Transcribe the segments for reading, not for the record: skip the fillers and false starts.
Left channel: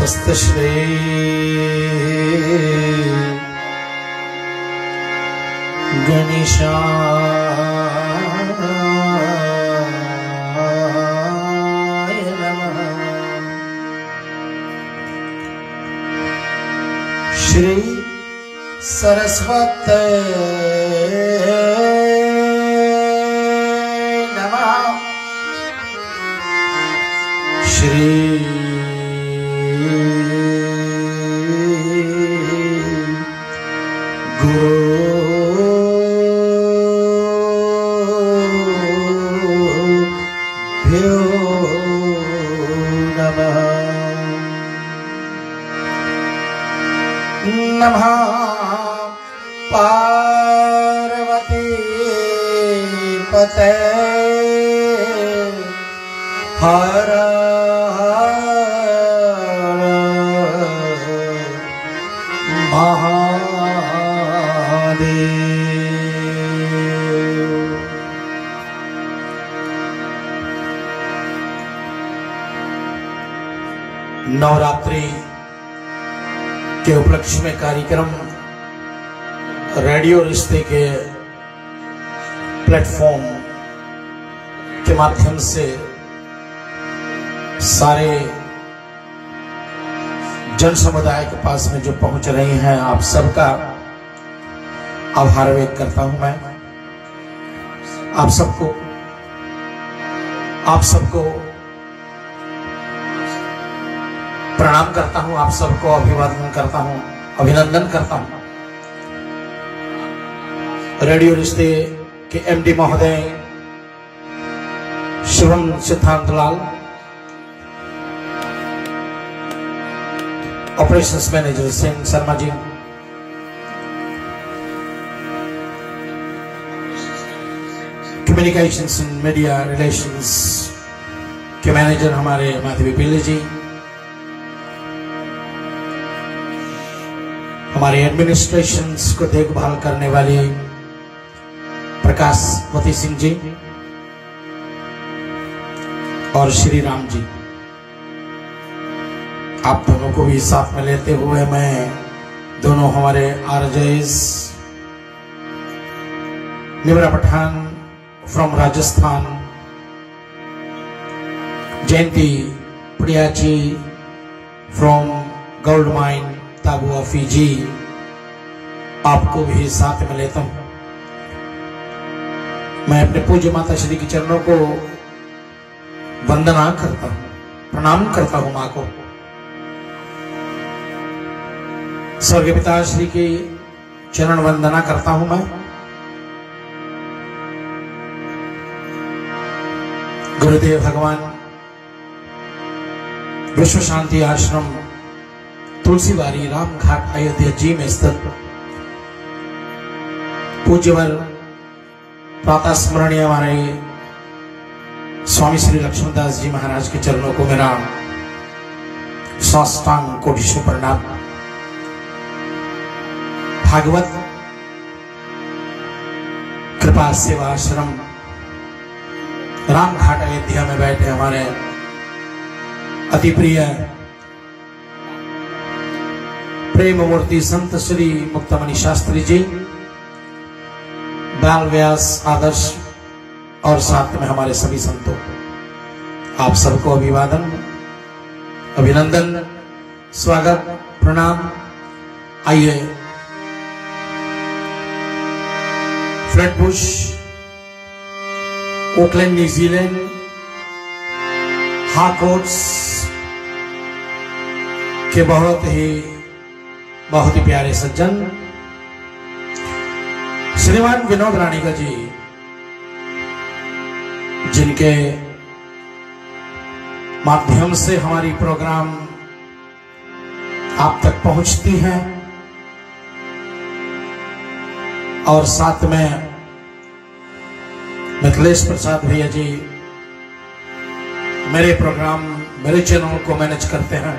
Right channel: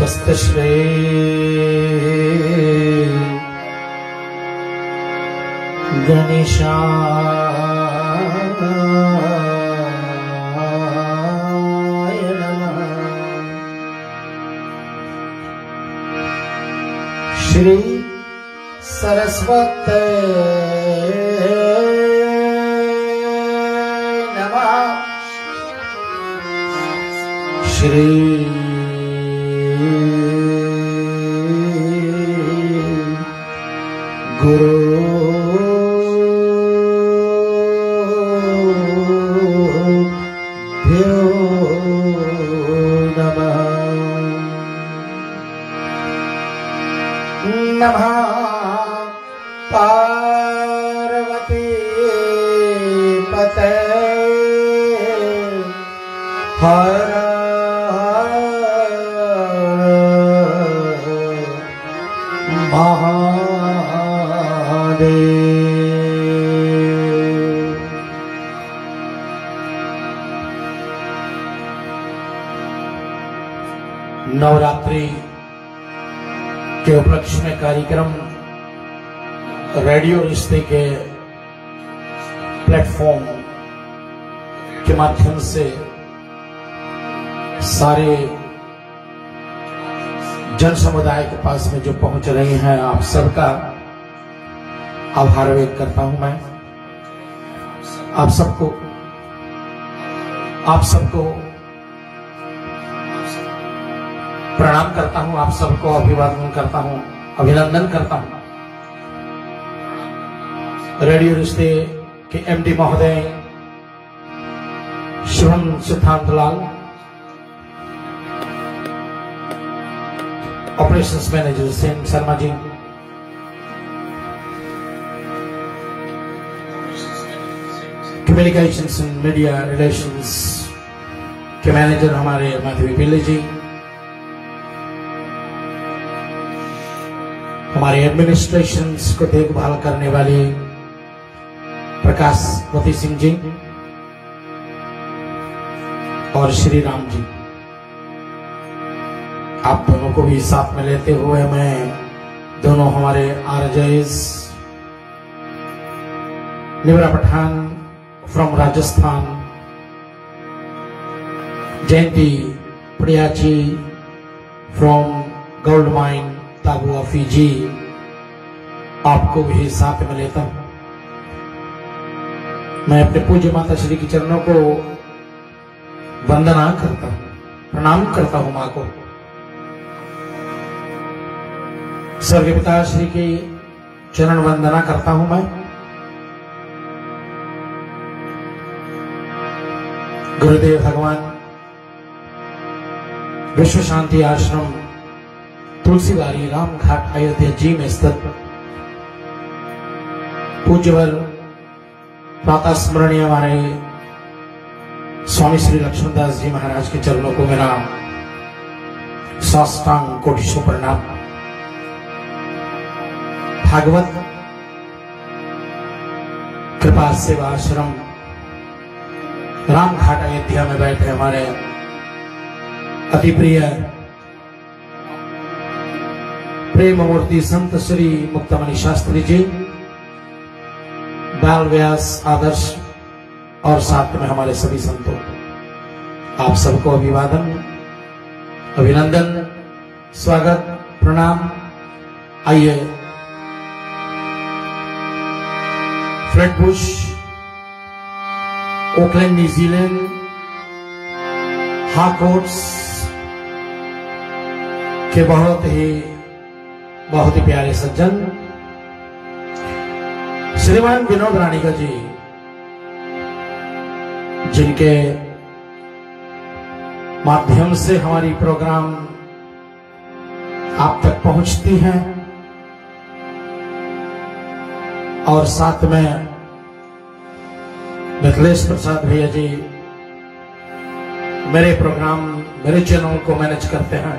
स्वस्त श्री गणेशाय नमः। श्री सरस्वती नमः। श्री नमः पार्वती पते हर महादेव। नवरात्रि के उपलक्ष्य में कार्यक्रम रेडियो रिश्ते के प्लेटफॉर्म के माध्यम से सारे जन समुदाय के पास में जो पहुंच रही हैं, आप सबका आभार व्यक्त करता हूं मैं। आप सबको प्रणाम करता हूं, आप सबको अभिवादन करता हूं, अभिनंदन करता हूं। रेडियो रिश्ते के एमडी महोदय Shubham Siddhantlal, operations manager Sen Sharma ji, communications and media relations के मैनेजर हमारे माधवी पिल्ले जी, हमारे एडमिनिस्ट्रेशंस को देखभाल करने वाले प्रकाशवती सिंह जी और श्री राम जी, आप दोनों को भी साथ में लेते हुए मैं दोनों हमारे RJs Nivra Pathan from Rajasthan, Jayanti Priyachi from gold mine Tavua Fiji, आपको भी साथ में लेता हूं। मैं अपने पूज्य माता श्री के चरणों को वंदना करता हूं, प्रणाम करता हूं मां को। स्वर्गीय पिता श्री की चरण वंदना करता हूं मैं। गुरुदेव भगवान विश्व शांति आश्रम तुलसीबारी रामघाट अयोध्या जी में स्थित पूज्यवर प्रातः स्मरणीय हमारे स्वामी श्री लक्ष्मणदास जी महाराज के चरणों को मेरा साष्टांग कोटिशो प्रणाम। भागवत कृपा सेवा आश्रम रामघाट अयोध्या में बैठे हमारे अति प्रिय प्रेम मूर्ति संत श्री मुक्तमणि शास्त्री जी, बाल व्यास आदर्श और साथ में हमारे सभी संतों, आप सबको अभिवादन, अभिनंदन, स्वागत, प्रणाम। आइए फ्लैटबुश, ओकलैंड, न्यूजीलैंड, हार्कोट्स के बहुत ही प्यारे सज्जन श्रीमान विनोद राणीकर जी, जिनके माध्यम से हमारी प्रोग्राम आप तक पहुंचती हैं, और साथ में मिथिलेश प्रसाद भैया जी मेरे प्रोग्राम, मेरे चैनल को मैनेज करते हैं।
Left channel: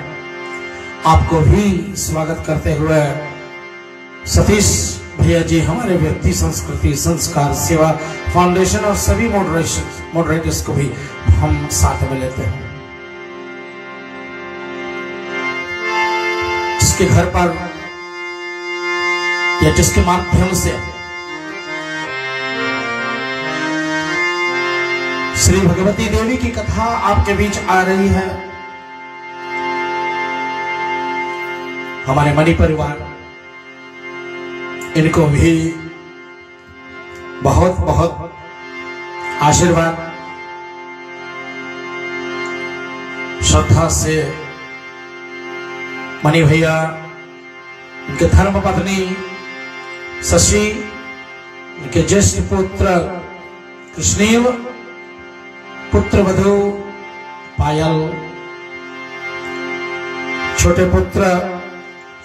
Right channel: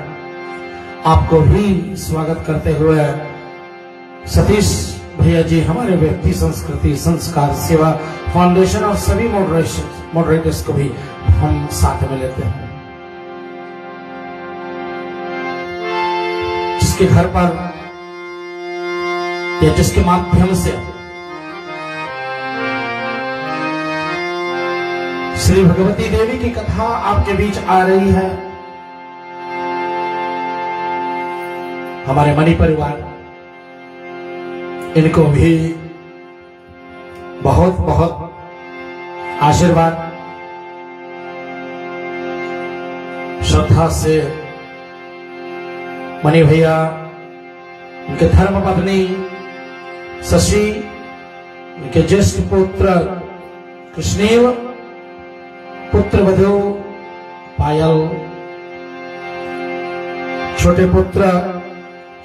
आपको भी स्वागत करते हुए सतीश भैया जी हमारे व्यक्ति संस्कृति संस्कार सेवा फाउंडेशन और सभी मॉडरेटर्स को भी हम साथ में लेते हैं। जिसके घर पर या जिसके माध्यम से श्री भगवती देवी की कथा आपके बीच आ रही है, हमारे मणि परिवार इनको भी बहुत बहुत आशीर्वाद श्रद्धा से मणि भैया, उनके धर्म पत्नी शशि, उनके ज्येष्ठ पुत्र कृष्णेव, पुत्र वधु पायल, छोटे पुत्र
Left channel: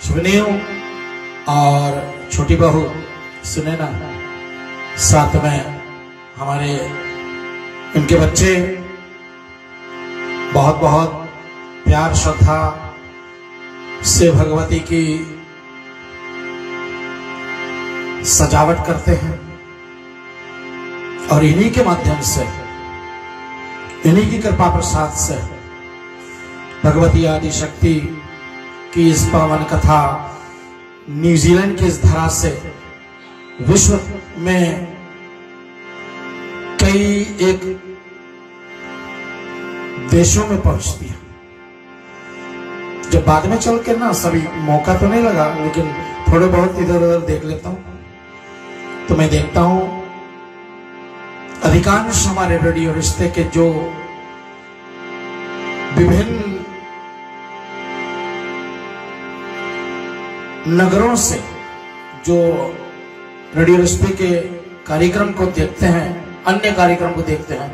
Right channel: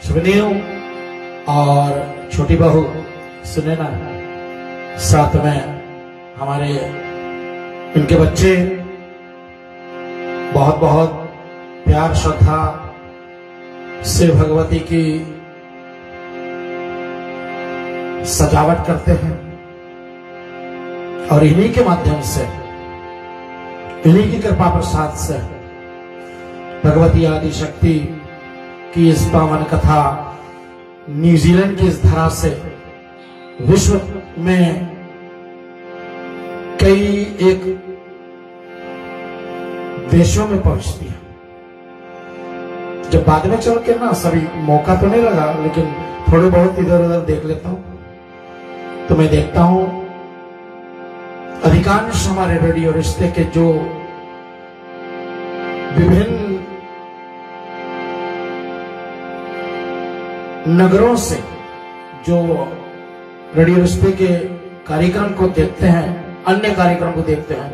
शिवनेव और छोटी बहू सुनैना, साथ में हमारे इनके बच्चे बहुत बहुत प्यार श्रद्धा से भगवती की सजावट करते हैं और इन्हीं के माध्यम से, इन्हीं की कृपा प्रसाद से भगवती आदि शक्ति की इस पावन कथा न्यूजीलैंड की इस धरा से विश्व में कई एक देशों में पहुंचती है। जब बाद में चल के ना सभी मौका तो नहीं लगा, लेकिन थोड़े बहुत इधर उधर देख लेता हूं तो मैं देखता हूं अधिकांश हमारे रेडियो रिश्ते के जो विभिन्न नगरों से जो रेडियो रिश्ते के कार्यक्रम को देखते हैं, अन्य कार्यक्रम को देखते हैं,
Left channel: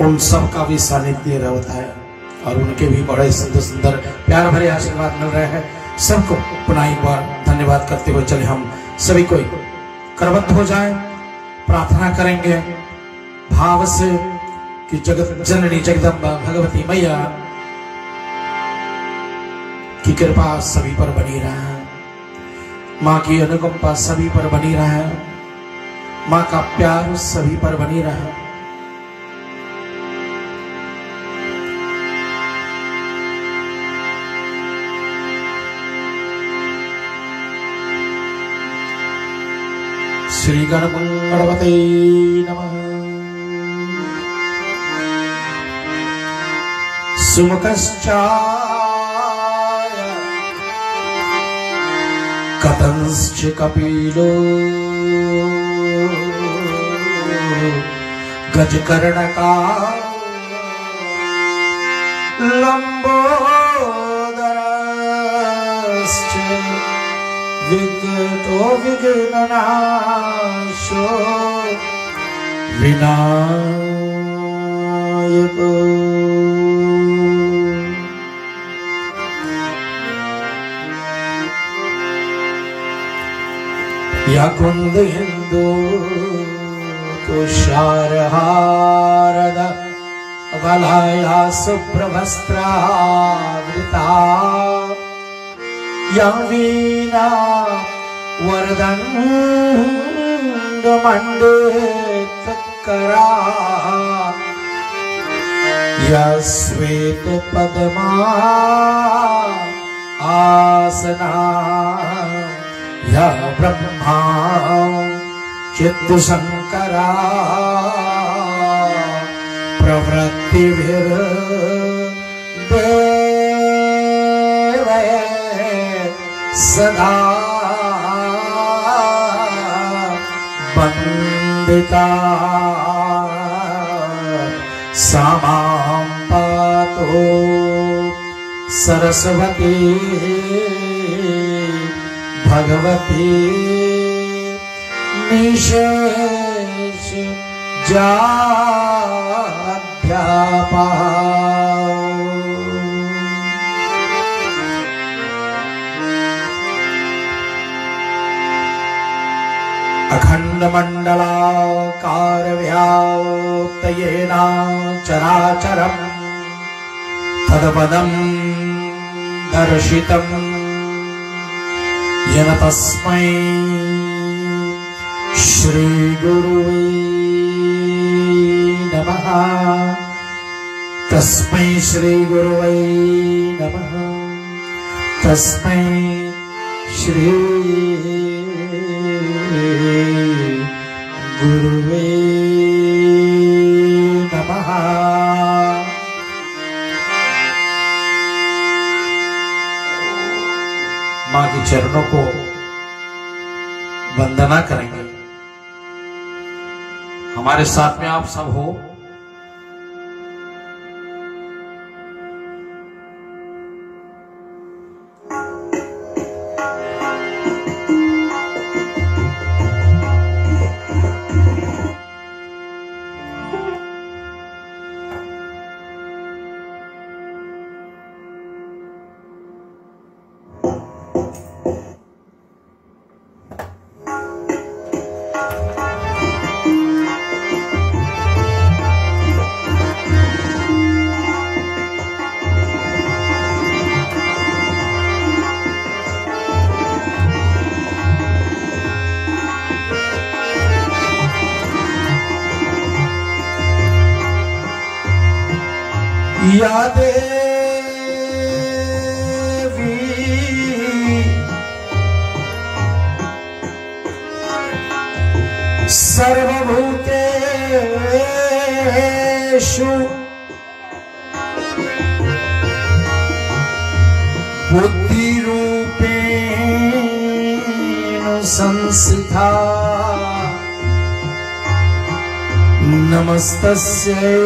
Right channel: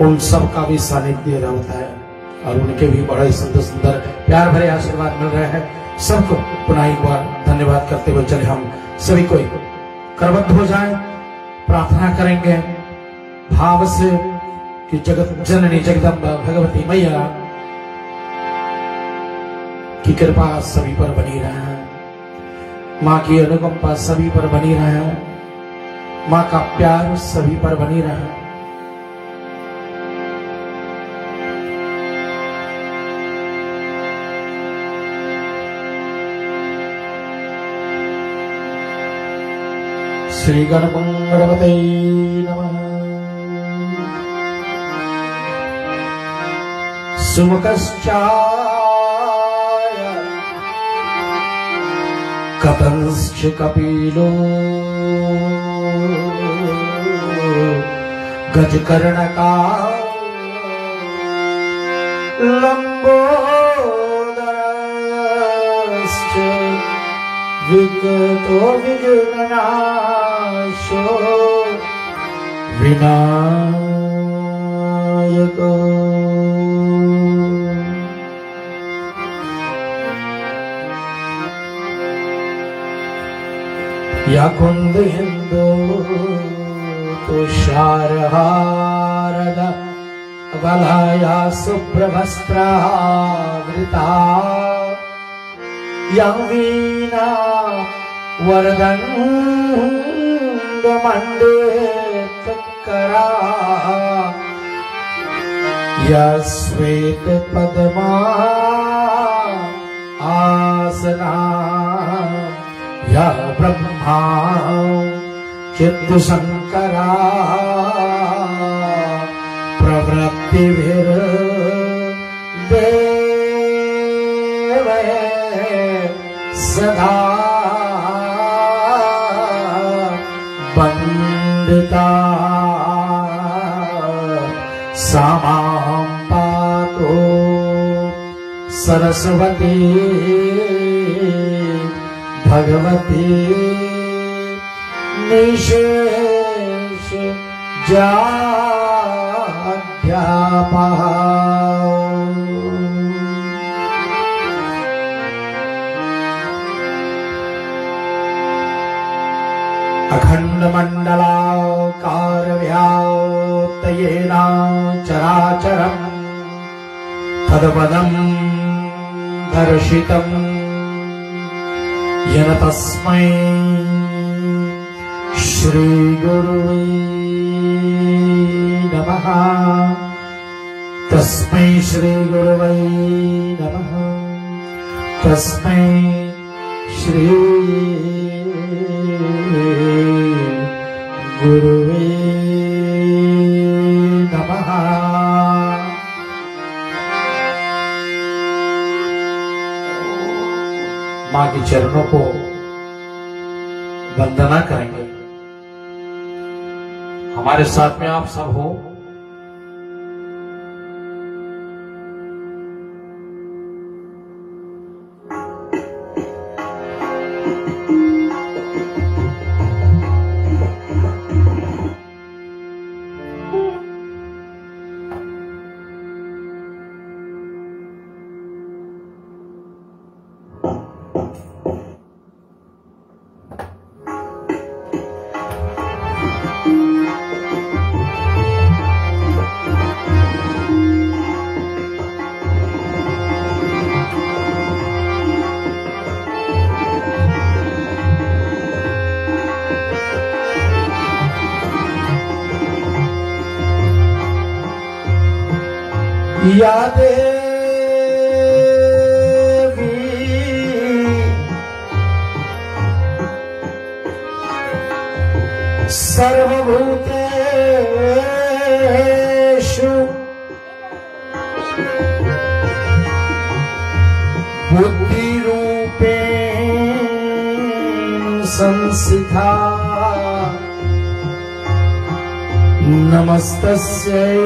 उन सब का भी सानिध्य रहता है और उनके भी बड़े सुंदर सुंदर प्यार भरे आशीर्वाद मिल रहे हैं। सबको पुनः एक बार धन्यवाद करते हुए चले हम सभी को करबद्ध हो जाएं, प्रार्थना करेंगे भाव से कि जगत जननी जगदम्बा भगवती मैया की कृपा सभी पर बनी रहे, माँ की अनुकंपा सभी पर बनी रहे, माँ का प्यार सभी पर बनी रहे। श्री गणपते नमः। सुमुखश्चाय कतंश्च कपिलो गजकर्णकाय लंबोदरश्च विगतो विघ्ननाशो विनायको। या कुंदेन्दु तुषारहारद वलया शुभ्रवस्त्रावृता, या वीणा वरदण्डमण्डितकरा, या श्वेतपद्मा आसना, या ब्रह्मा चित्तशंकरा प्रवृत्तिभिर्देवे सदा वन्दिता, सा मां पातु सरस्वती भगवती निशेष जाध्यापा। अखंड मंडलाकार व्याप्तयेन चराचरम् तत्पदं दर्शितम् येन तस्मै श्री गुरुवे नमः। तस्मै श्री गुरुवे नमः। तस्मै श्री गुरुवे नमः। मां के चरणों को वंदना करेंगे। हमारे साथ में आप सब हो। या देवी सर्वभूतेषु बुद्धिरूपेण संस्थिता नमस्तस्यै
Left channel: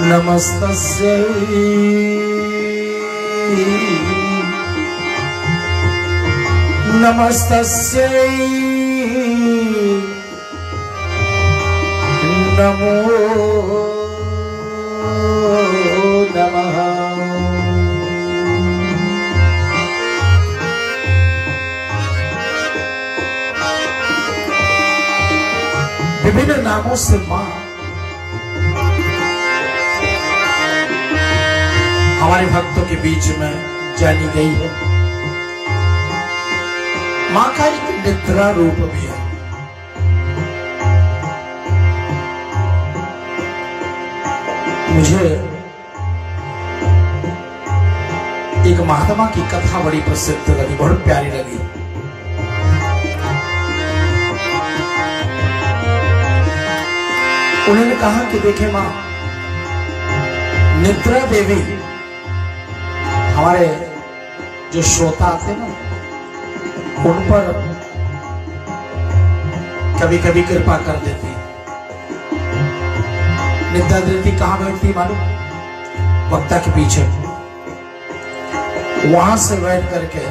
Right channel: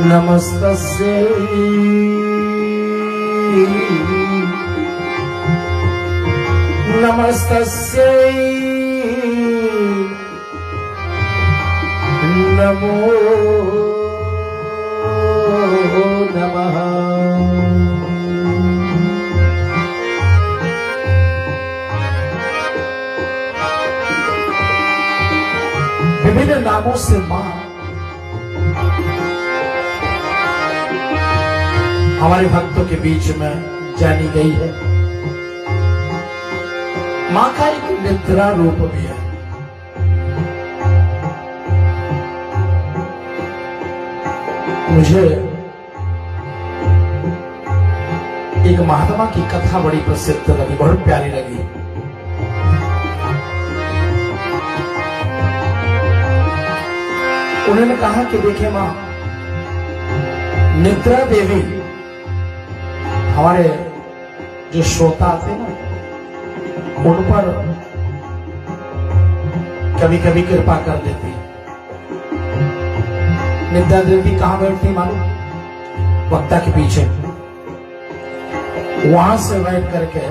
नमस्तस्यै नमस्तस्यै नमो नमः। विभिन्न नामों से मां हमारे भक्तों के बीच में जानी गई है। मां का एक निद्रा रूप भी है। मुझे एक महात्मा की कथा बड़ी प्रसिद्ध लगी, बहुत प्यारी लगी। उन्होंने कहा कि देखे मां, निद्रा देवी हमारे जो श्रोता थे ना, उन पर कभी कभी कृपा कर देती। निद्रा देवी कहां बैठती मालूम? वक्ता के पीछे। वहां से बैठ करके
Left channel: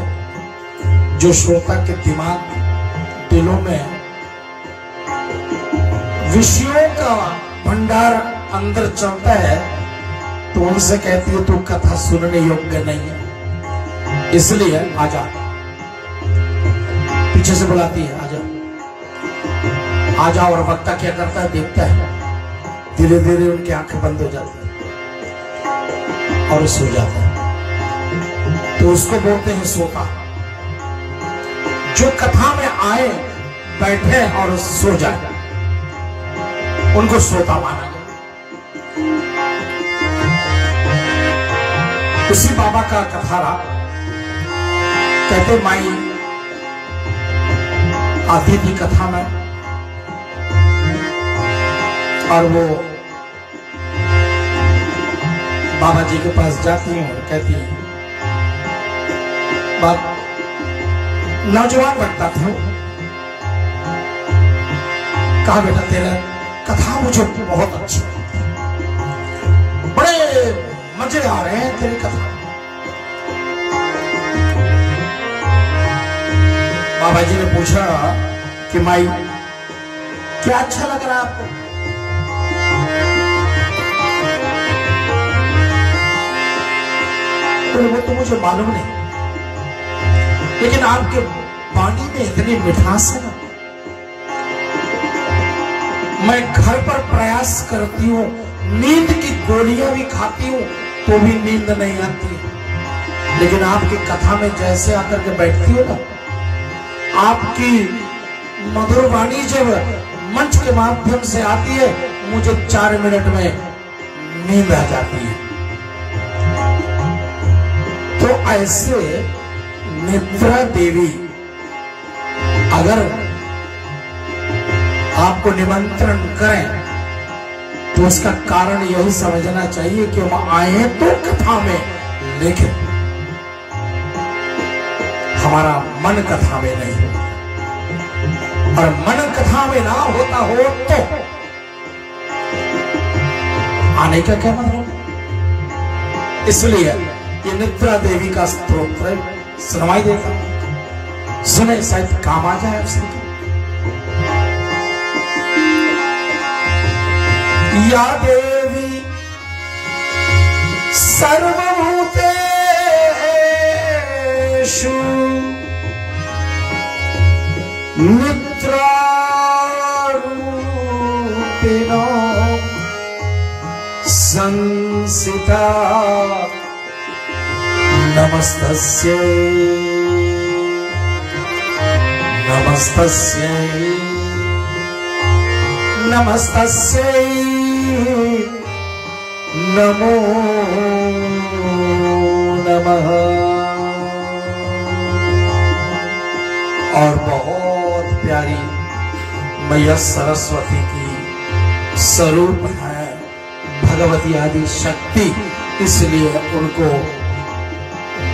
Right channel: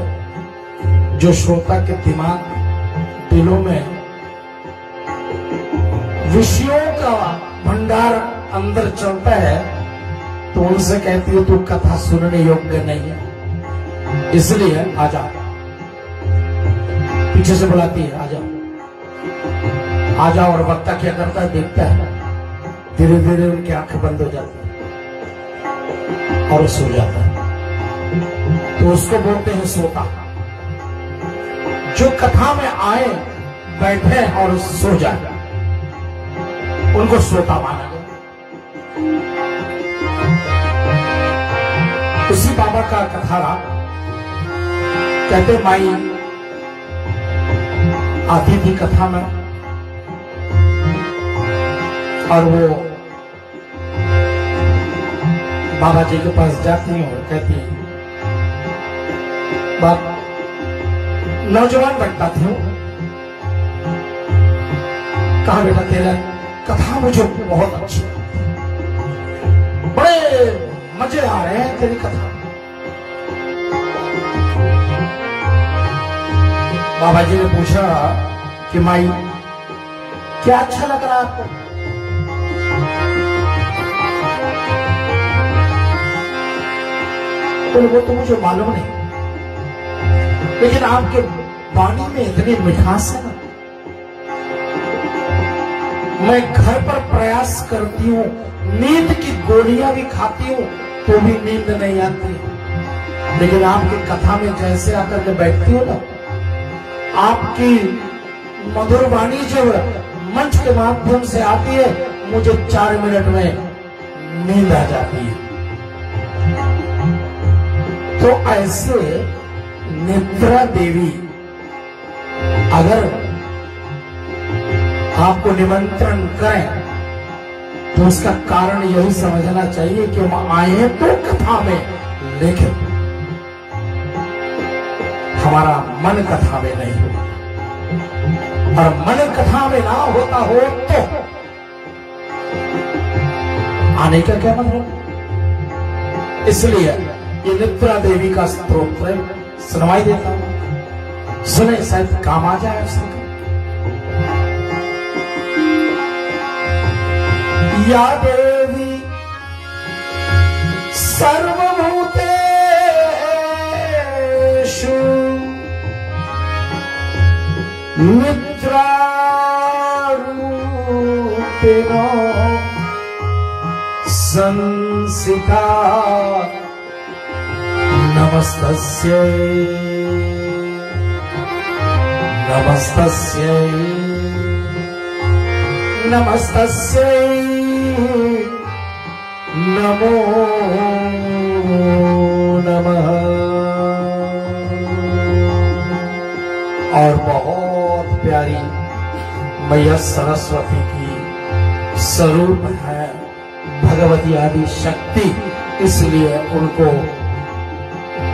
जो श्रोता के दिमाग दिलों में विषयों का भंडार अंदर चलता है, तो उनसे कहती है तू कथा सुनने योग्य नहीं है, इसलिए आजा। पीछे से बुलाती है आजा आजा। और वक्ता क्या करता है? देखता है, धीरे धीरे उनकी आंखें बंद हो जाती है और सो जाता है। तो उसको बोलते हैं श्रोता। जो कथा में आए, बैठे और सो जाए, उनको श्रोता माना गया। उसी बाबा का कथा रहा। कहते माई आती थी कथा में, और वो बाबा जी के पास जाती हैं और कहती हैं, बाप नौजवान लगता था। कहा बेटा तेरा कथा मुझे बहुत अच्छी, बड़े मजे आ रहे हैं तेरी कथा। बाबा जी ने पूछा कि माई क्या अच्छा लग रहा है आपको? तो वो तो मुझे मालूम नहीं, लेकिन आपके वाणी में इतनी मिठास है ना, मैं घर पर प्रयास करती हूँ, नींद की गोलियां भी खाती हूँ तो भी नींद नहीं आती, लेकिन आपकी कथा में जैसे आकर के बैठती हो ना, आपकी मधुर वाणी जब मंच के माध्यम से आती है, मुझे 4 मिनट में नींद आ जाती है। तो ऐसे निद्रा देवी अगर आपको निमंत्रण करें तो उसका कारण यही समझना चाहिए कि हम आए तो कथा में, लेकिन हमारा मन कथा में नहीं, और मन कथा में ना होता हो तो आने का क्या मतलब। इसलिए ये निद्रा देवी का स्तोत्र सुनवाई देता हूं, सुने शायद काम आ जाए उसके। या देवी सर्वभूतेषु निद्रारूपिणो संसिता नमस्तस्यै नमस्तस्यै नमस्तस्यै नमो नमः। और बहुत प्यारी मैया सरस्वती की स्वरूप है भगवती आदि शक्ति, इसलिए उनको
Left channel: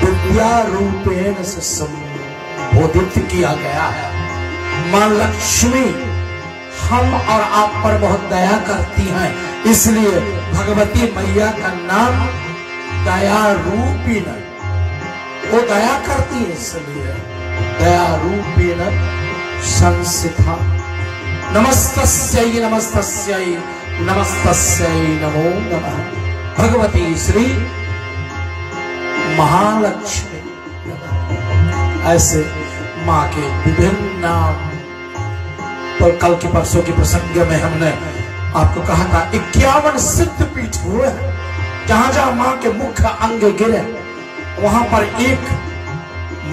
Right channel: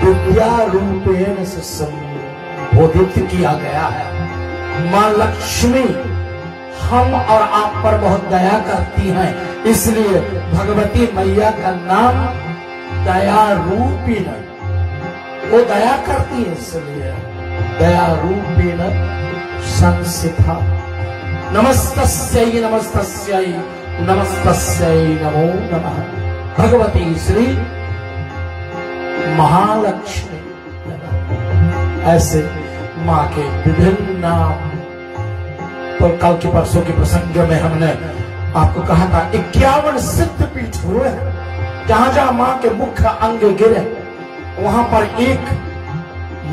विद्या रूपेण से संबोधित किया गया है। मां लक्ष्मी हम और आप पर बहुत दया करती हैं, इसलिए भगवती मैया का नाम दया रूपिण, वो दया करती है, इसलिए दया रूपिण संसिता। नमस्तस्यै नमस्तस्यै नमस्तस्यै नमो नमः। भगवती श्री महालक्ष्मी। ऐसे माँ के विभिन्न नाम, तो कल के परसों के प्रसंग में हमने आपको कहा था 51 सिद्ध पीठ हुए, जहां जहां मां के मुख्य अंग गिरे वहां पर एक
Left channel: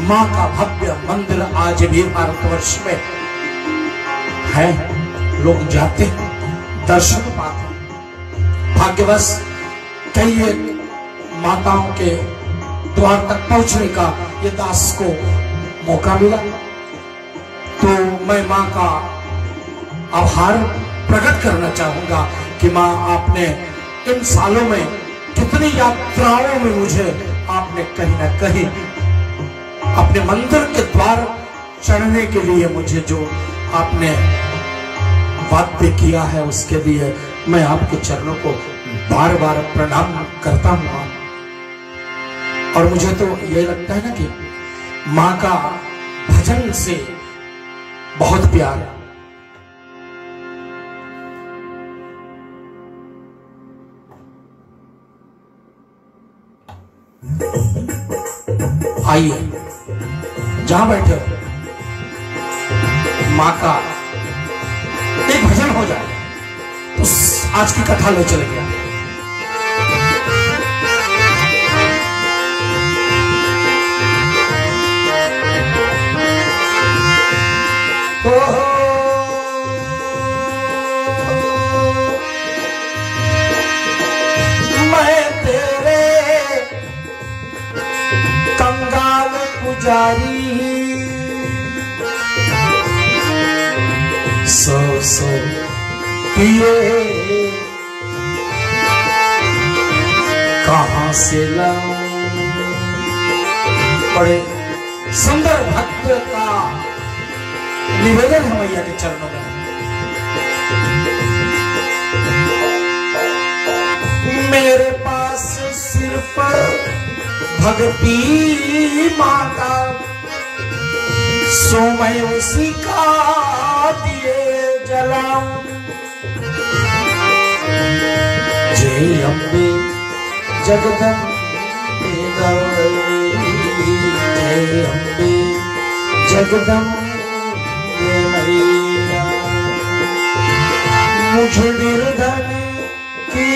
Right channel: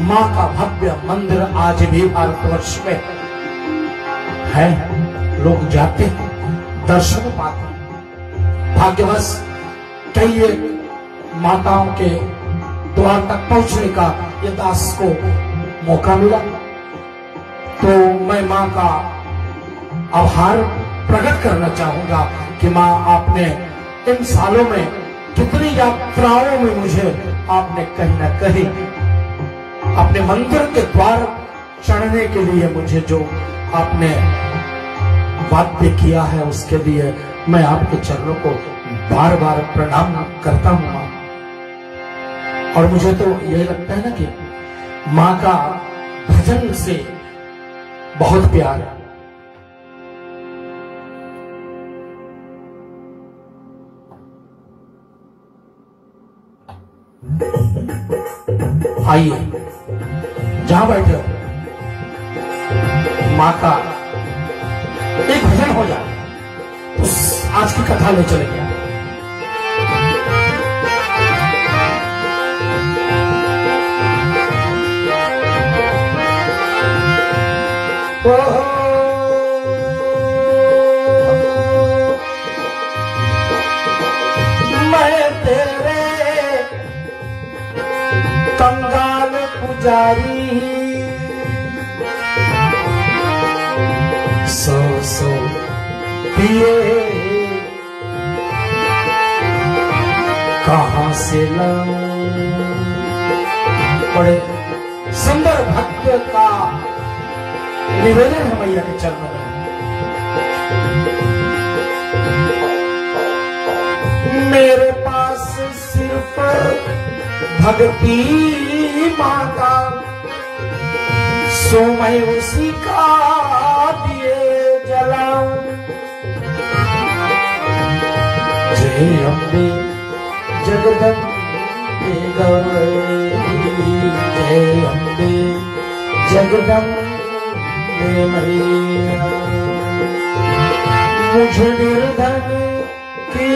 मां का भव्य मंदिर आज भी भारतवर्ष में है। लोग जाते दर्शन पाते। भाग्यवश कई एक माताओं के द्वार तक पहुंचने का ये दास को मौका मिला, तो मैं मां का आभार प्रकट करना चाहूंगा कि मां आपने इन सालों में कितनी यात्राओं में मुझे आपने कहीं ना कहीं अपने मंदिर के द्वार चढ़ने के लिए मुझे जो आपने वाद्य किया है, उसके लिए मैं आपके चरणों को बार बार प्रणाम करता हूं। और मुझे तो ये लगता है ना कि मां का भजन से बहुत प्यार है। आइए जहां बैठे हो, मां का एक भजन हो जाए तो आज की कथा में चले गए। मैं तेरे कंगाल पुजारी, सो पिए कहां से लाऊं। बड़े सुंदर भक्त का निवेदन है मैया के चरणों में। मेरे पास सिर पर भक्ति माता, सो मैं उसी का दिए जलाऊं। जय अम्बे जगदम्बे गौरी, जय अम्बे जगदम्बे मैया। मुझे निर्धन की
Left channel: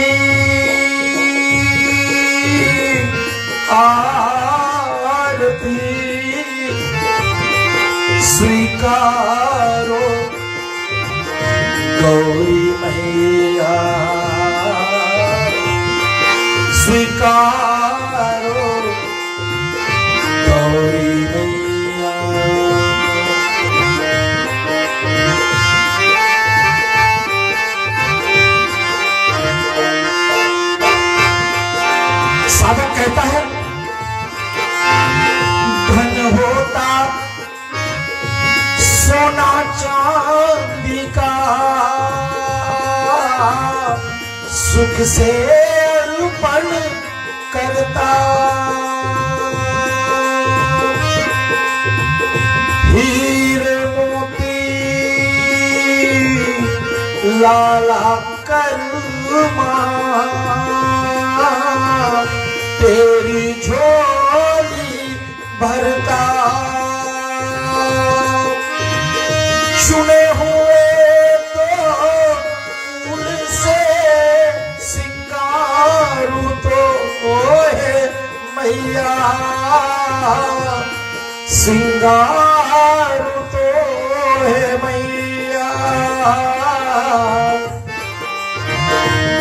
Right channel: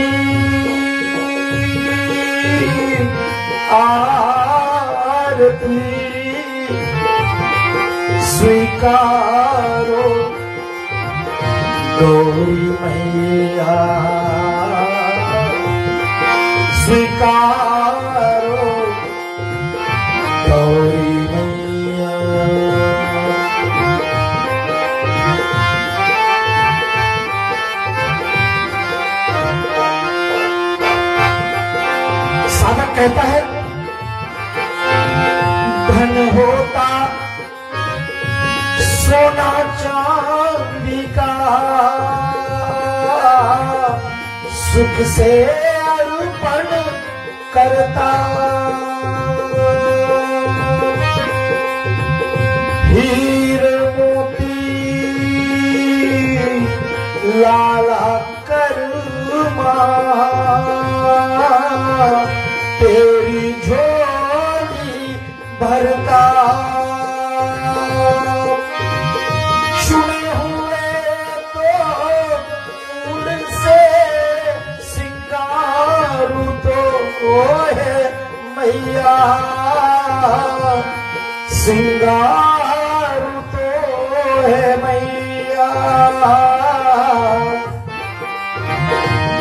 आरती स्वीकारो गौरी मैया, स्वीकारो कहता है धन होता सोना चांदी का, सुख से अर्पण करता, हीरे मोती लाला करमा तेरी झोली भरता, चुने हुए तो फूल से सिंगारू तो है मैया, सिंगारू तो है मैया।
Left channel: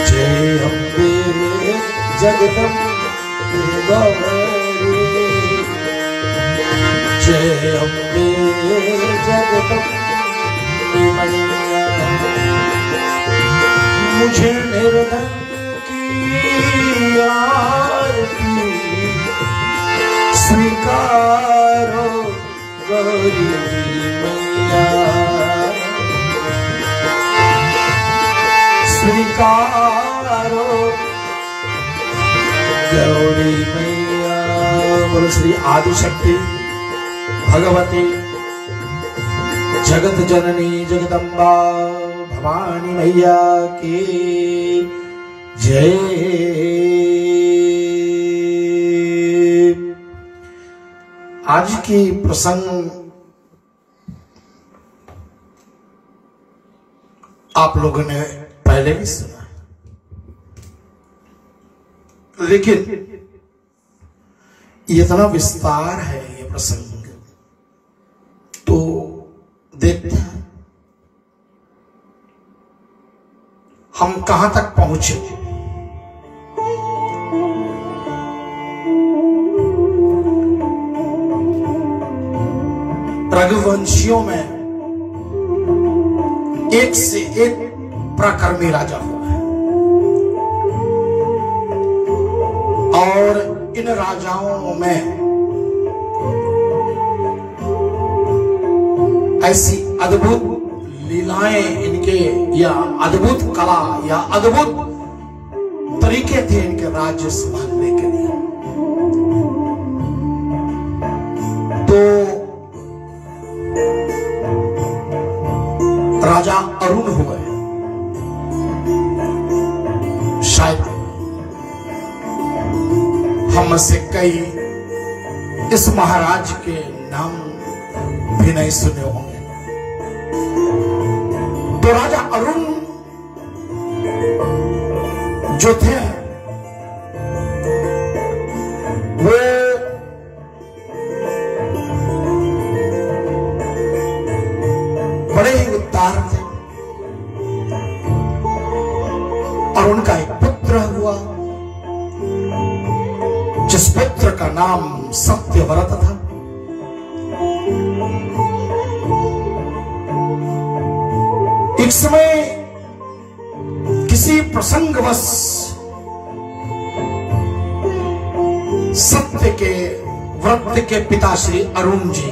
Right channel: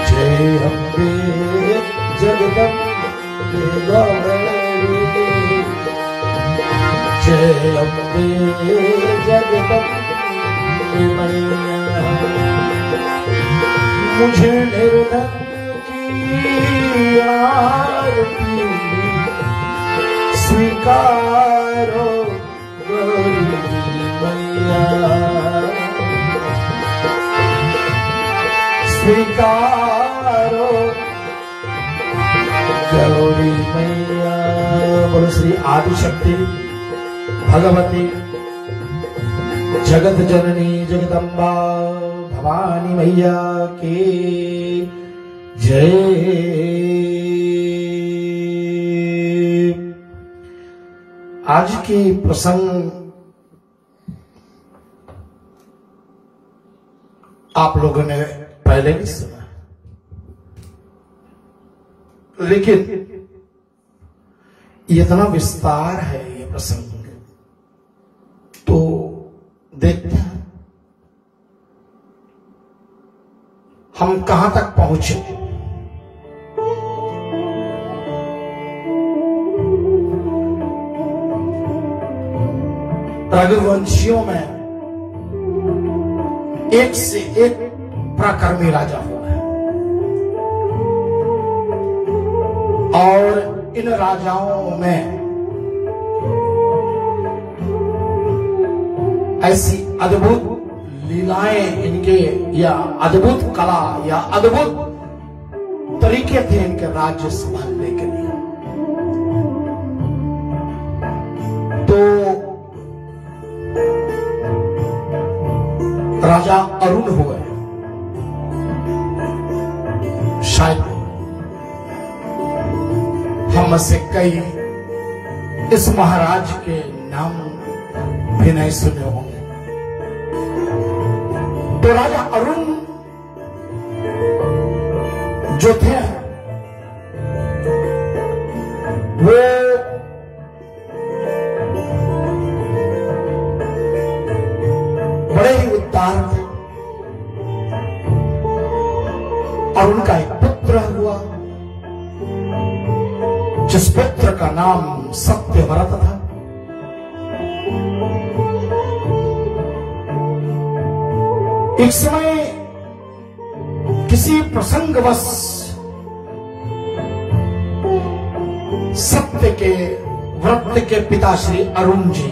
जय अम्बे जगदम्बे गौरी, जय अम्बे जगदम्बे मैया, मुझे निर्धन की आरती स्वीकारो गौरी मैया, स्वीकारो गौरी मैया। बोल श्री आदिशक्ति भगवती जगत जननी जगदम्बा भवानी मैया की जय। आज की प्रसंग आप लोगों ने पहले भी सुना है, लेकिन इतना विस्तार है ये प्रसंग, तो देखते हैं हम कहां तक पहुंचे। रघुवंशियों में एक से एक पराक्रमी राजा हुआ है, और इन राजाओं में ऐसी अद्भुत लीलाएं इनके, या अद्भुत कला या अद्भुत तरीके थे इनके राज्य संभालने के लिए। तो राजा अरुण हुए, शायद हम से कई इस महाराज के नाम भी नहीं सुने होंगे। तो राजा अरुण जो थे वो बड़े ही उदार थे, और उनका एक पुत्र हुआ जिस पुत्र का नाम सत्यव्रत था। एक समय किसी प्रसंगवश सत्य के व्रत के पिता श्री अरुण जी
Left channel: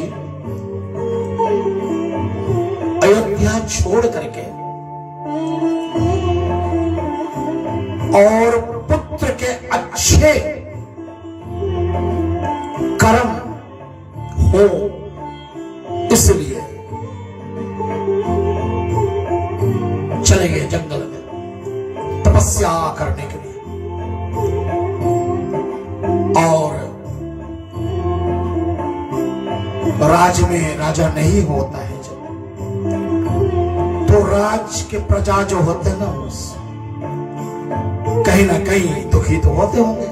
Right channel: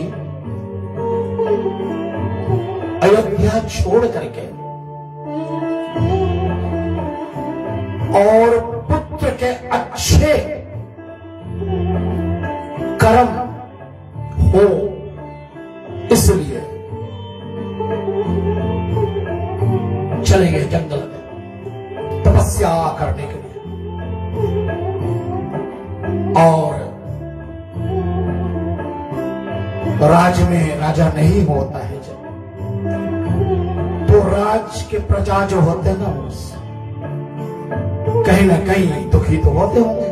अयोध्या छोड़ करके और पुत्र के अच्छे कर्म हो इसलिए चले गए जंगल में तपस्या करने के लिए। और राज में राजा नहीं होता है जब, तो राज के प्रजा जो होते ना कहीं ना कहीं दुखी तो होते होंगे।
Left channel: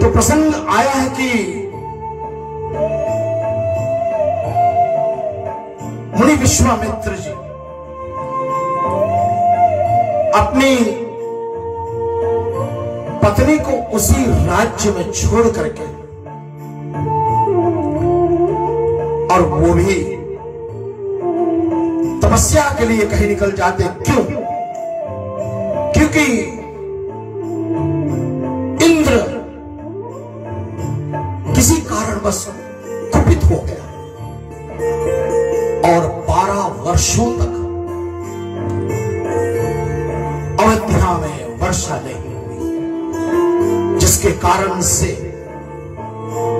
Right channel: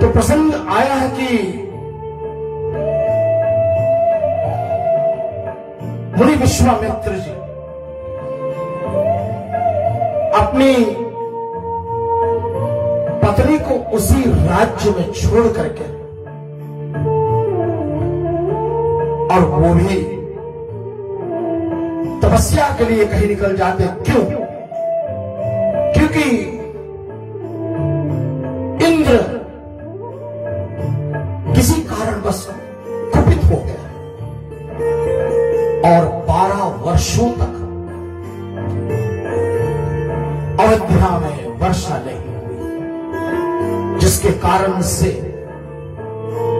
तो प्रसंग आया है कि मुनि विश्वामित्र जी अपनी पत्नी को उसी राज्य में छोड़ करके, और वो भी तपस्या के लिए कहीं निकल जाते। क्यों? क्योंकि पुत्र किसी कारणवश कुपित हो गया और 12 वर्षों तक अयोध्या में वर्षा नहीं हुई, जिसके कारण से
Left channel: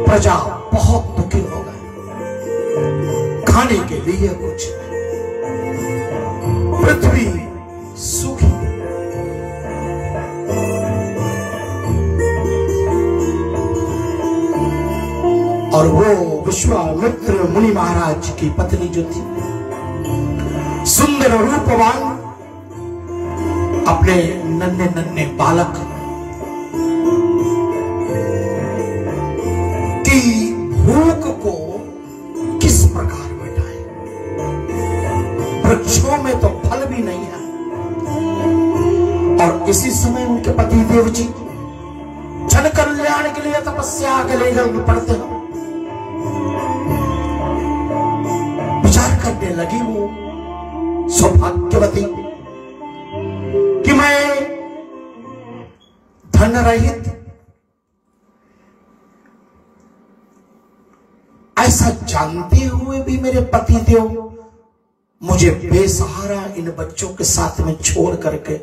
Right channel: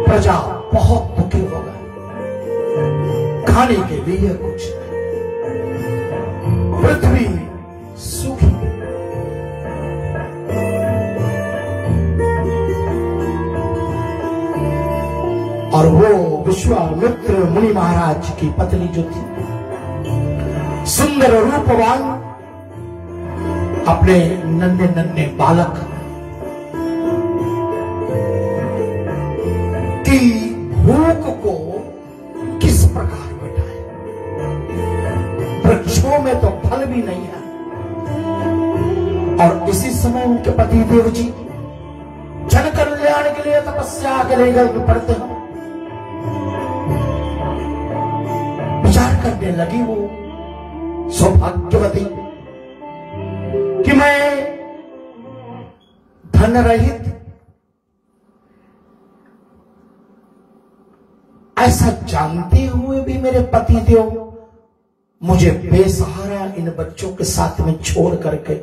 प्रजा बहुत दुखी हो गई। खाने के लिए कुछ नहीं, पृथ्वी सूखी। और वो विश्वामित्र मुनि महाराज की पत्नी जो थी, सुंदर रूपवान, अपने नन्हे नन्हे बालक की भूख को किस प्रकार मिटाए। वृक्षों में तो फल भी नहीं है, और इसी समय उनके पति देव जी जन कल्याण के लिए तपस्या के लिए जल्द पड़ते हैं। विचार करने लगी वो सौभाग्यवती कि मैं धन रहित, ऐसा जानते हुए भी मेरे पति देव मुझे बेसहारा इन बच्चों के साथ में छोड़ करके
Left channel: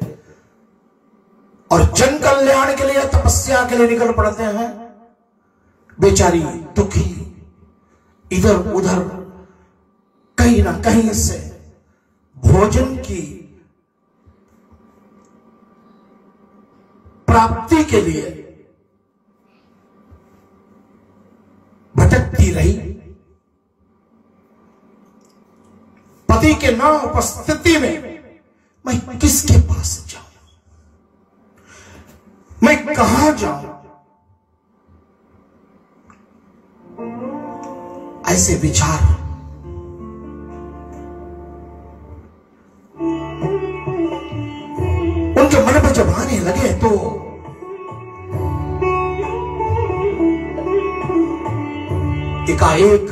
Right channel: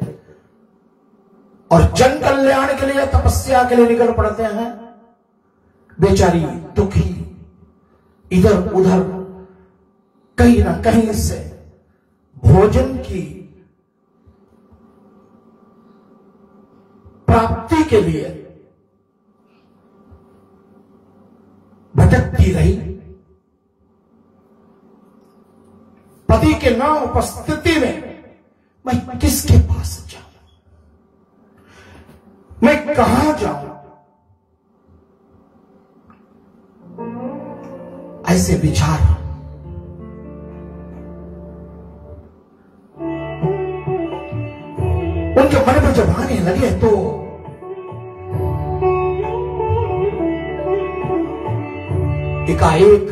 और जन कल्याण के लिए तपस्या के लिए निकल पड़ते हैं। बेचारी दुखी इधर उधर कहीं ना कहीं से भोजन की प्राप्ति के लिए भटकती रही। पति के न उपस्थिति में मैं किसके पास जाऊं, मैं कहां जाऊं, ऐसे विचार उनके मन में जब आने लगे तो एकाएक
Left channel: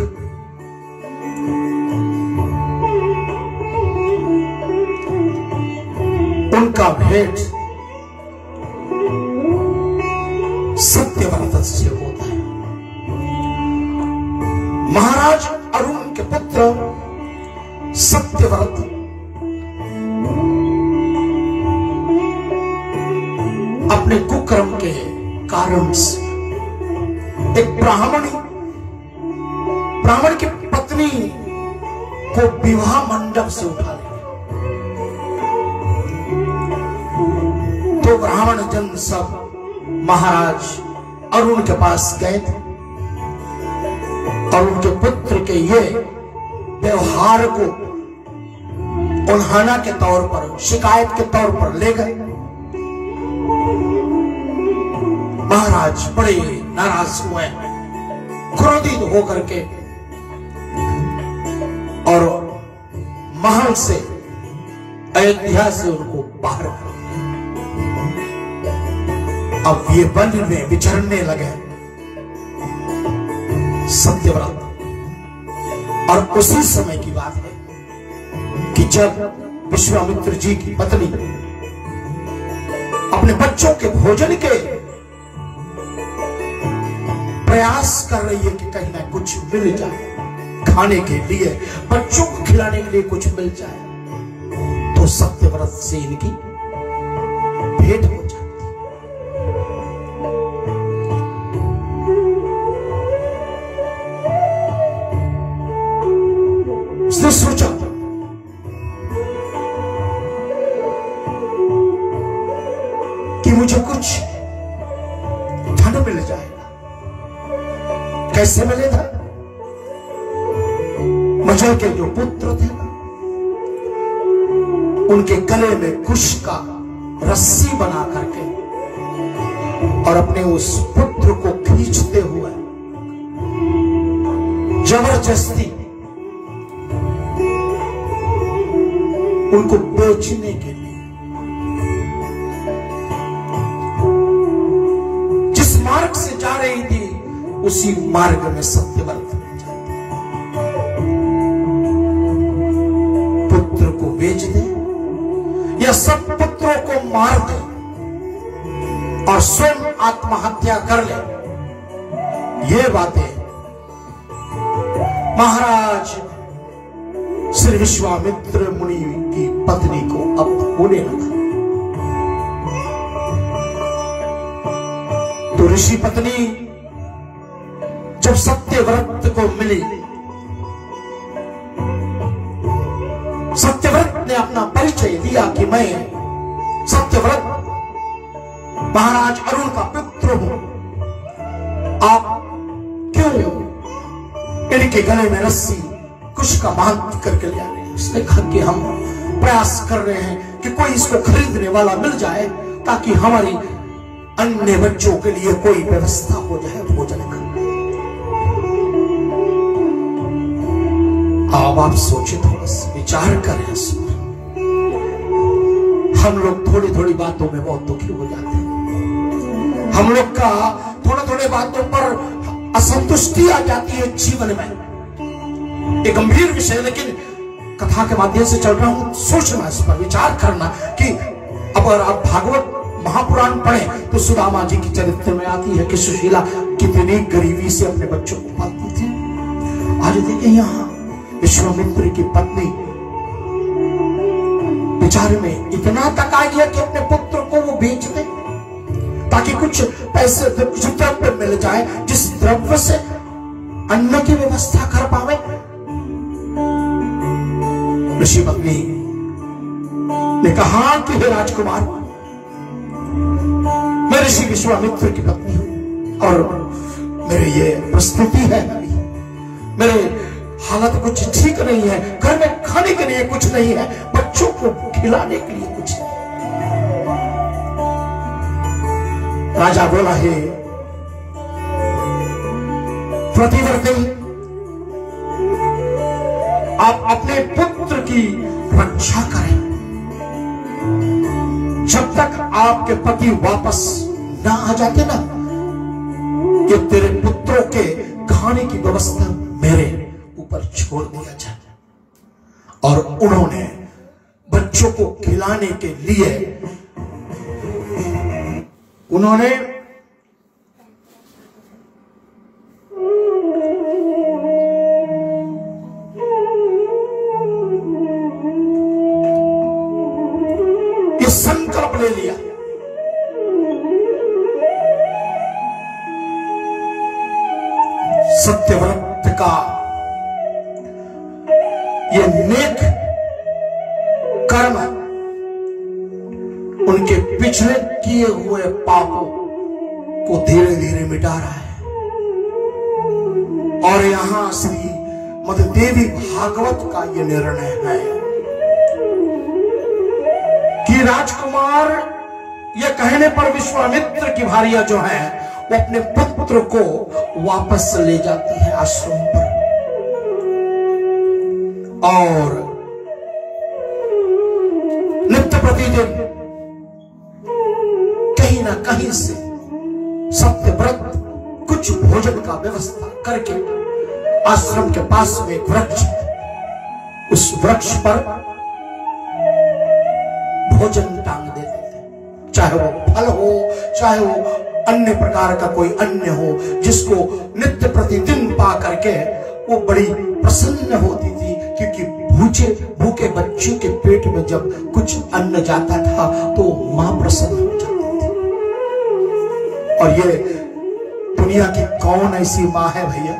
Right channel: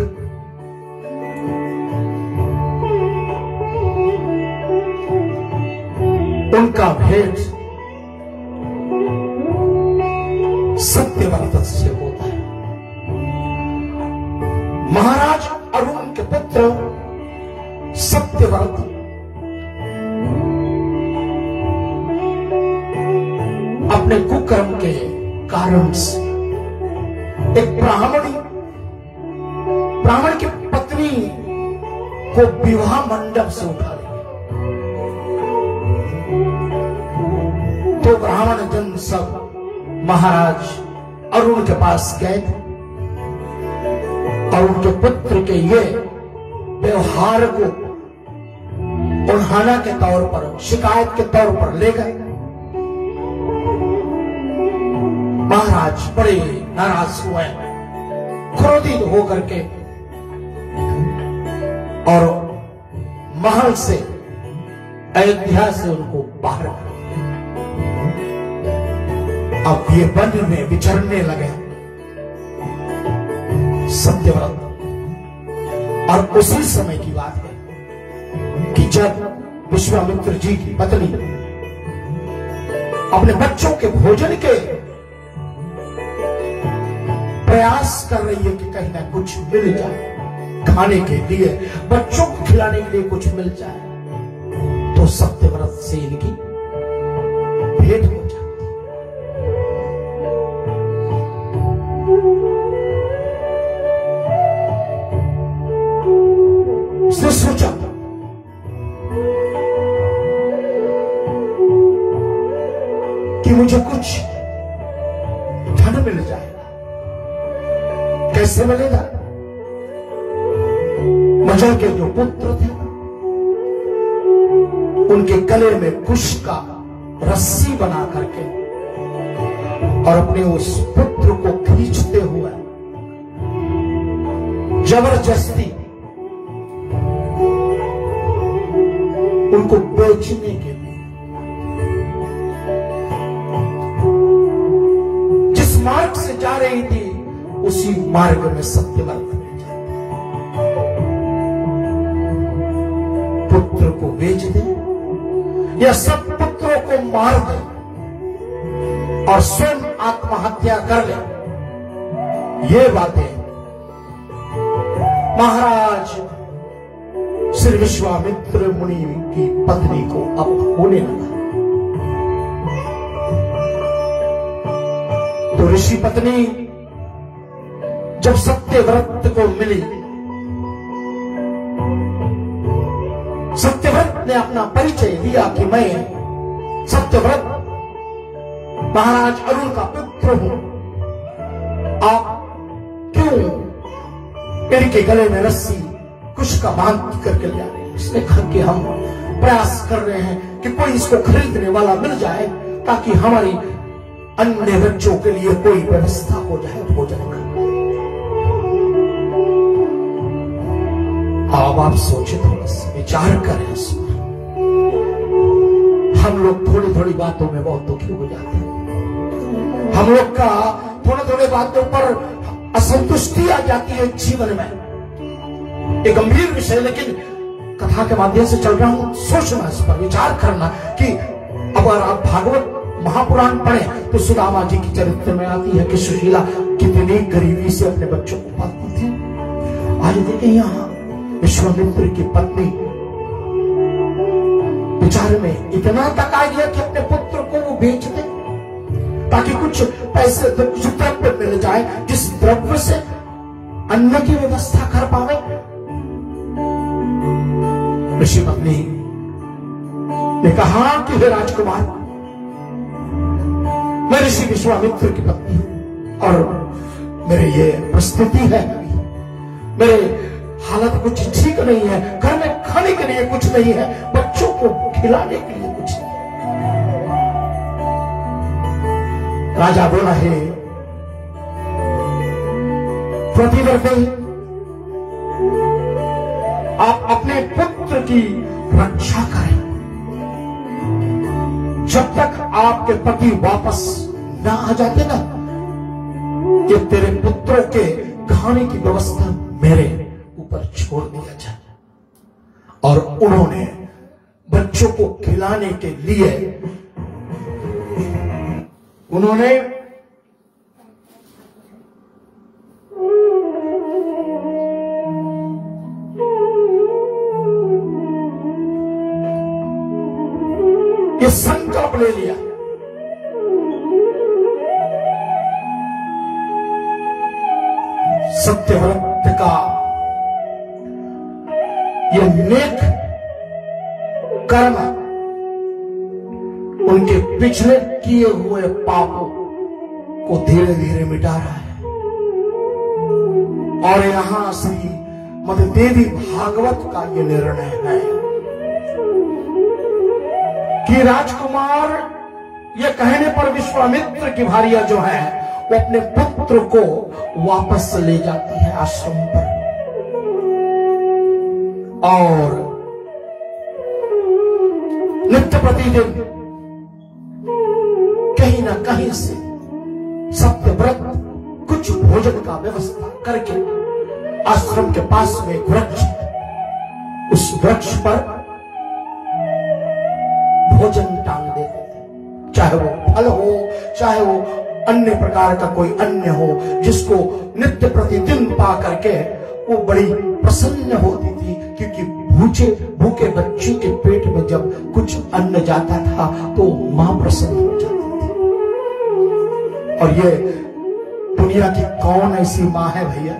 उनका भेंट सत्यव्रत से होता है। महाराज अरुण के पुत्र सत्यव्रत अपने कुकर्म के कारण से एक ब्राह्मण की पत्नी को विवाह मंडप से उठा ले, तो ब्राह्मण जन सब महाराज अरुण के पास गए थे और उनके पुत्र के ये व्यवहार को उल्हाना के तौर पर, शिकायत के तौर पर ले गए। महाराज बड़े नाराज हुए, क्रोधित होकर के और महल से, अयोध्या से उनको बाहर कर दिया। अब ये वन में विचरने लगे सत्यव्रत। और उसी समय की बात है कि जब विश्वामित्र जी की पत्नी अपने बच्चों के भोजन के प्रयास कर रही है कि कहीं ना कुछ मिल जाए खाने के लिए, बच्चों को खिलाने के लिए कुछ मिल जाए, तो सत्यव्रत से इनकी भेंट हो जाती। उसने सोचा कि मुझे कुछ धन मिल जाएगा। कैसे मिलेगा? मजल के जो पुत्र थे उनके गले में कुश का रस्सी बना करके और अपने उस पुत्र को खींचते हुए जबरदस्ती उनको बेचने के लिए जिस मार्ग से जा रही थी उसी मार्ग में सत्यव्रत में जाते, पुत्र को बेच दे या सब पुत्रों को मार दे और स्वयं आत्महत्या कर ले। ये बातें महाराज श्री विश्वामित्र मुनि की पत्नी को अब होने लगा। तो ऋषि पत्नी जब सत्यव्रत को मिली, सत्यव्रत ने अपना परिचय दिया कि मैं सत्यव्रत महाराज अरुण का पुत्र हूं, आप क्यों इनके गले में रस्सी कुछ का बांध करके ले आ रहे हैं? उसने कहा कि हम प्रयास कर रहे हैं कि कोई इसको खरीदने वाला मिल जाए ताकि हमारी अन्य बच्चों के लिए कोई व्यवस्था हो जाए भोजन का। अब आप सोचे, थोड़ा सा विचार करें इस पर। हम लोग थोड़ी थोड़ी बातों में बहुत दुखी हो जाते हैं। हम लोग का थोड़े थोड़े बातों पर असंतुष्टि आ जाती है जीवन में। एक गंभीर विषय, लेकिन कथा के माध्यम से चल रहा हूं, सोचना, इस पर विचार करना कि अगर आप भागवत महापुराण पढ़ें तो सुदामा जी की चरित्र में आती है कि सुशीला कितनी गरीबी से अपने बच्चों को पालती थी। आज देखें यहां विश्वामित्र की पत्नी बेचारे में इतना तक आ गया कि अपने पुत्र को वो बेच दे ताकि कुछ पैसे, कुछ द्रव्य मिल जाए, जिस द्रव्य से अन्न की व्यवस्था कर पावे। ऋषि पत्नी ने कहा कि हे राजकुमार, मैं ऋषि विश्वामित्र की पत्नी हूं और मेरे ये परिस्थिति है, मेरे हालत कुछ ठीक नहीं है, घर में खाने के लिए कुछ नहीं है, बच्चों को खिलाने के लिए कुछ नहीं। राजा बोला, है प्रतिव्रते, आप अपने पुत्र की रक्षा करें। जब तक आपके पति वापस ना आ जाते ना, कि तेरे पुत्रों के खाने की व्यवस्था मेरे ऊपर छोड़ दिया जाए। और उन्होंने बच्चों को खिलाने के लिए उन्होंने ये संकल्प ले लिया। सत्यव्रत का ये नेक कर्म उनके पिछले किए हुए पापों को धीरे धीरे मिटा रहा है। और यहां श्री मददेवी भागवत का ये निर्णय है कि राजकुमार ये कहने पर विश्वामित्र की भार्या जो है वो अपने पुत्र को वापस ले जाती है आश्रम पर। और नित्य प्रतिदिन कहीं ना कहीं से सत्यव्रत कुछ भोजन का व्यवस्था करके आश्रम के पास में एक वृक्ष, उस वृक्ष पर भोजन टांग देते थे, चाहे वो फल हो, चाहे वो अन्य प्रकार का कोई अन्न हो, जिसको नित्य प्रतिदिन पा करके वो बड़ी प्रसन्न होती थी, क्योंकि भूखे बच्चों के पेट में जब कुछ अन्न जाता था तो मां प्रसन्न हो जाती थी। और ये दुनिया की कौन ऐसी मां है भैया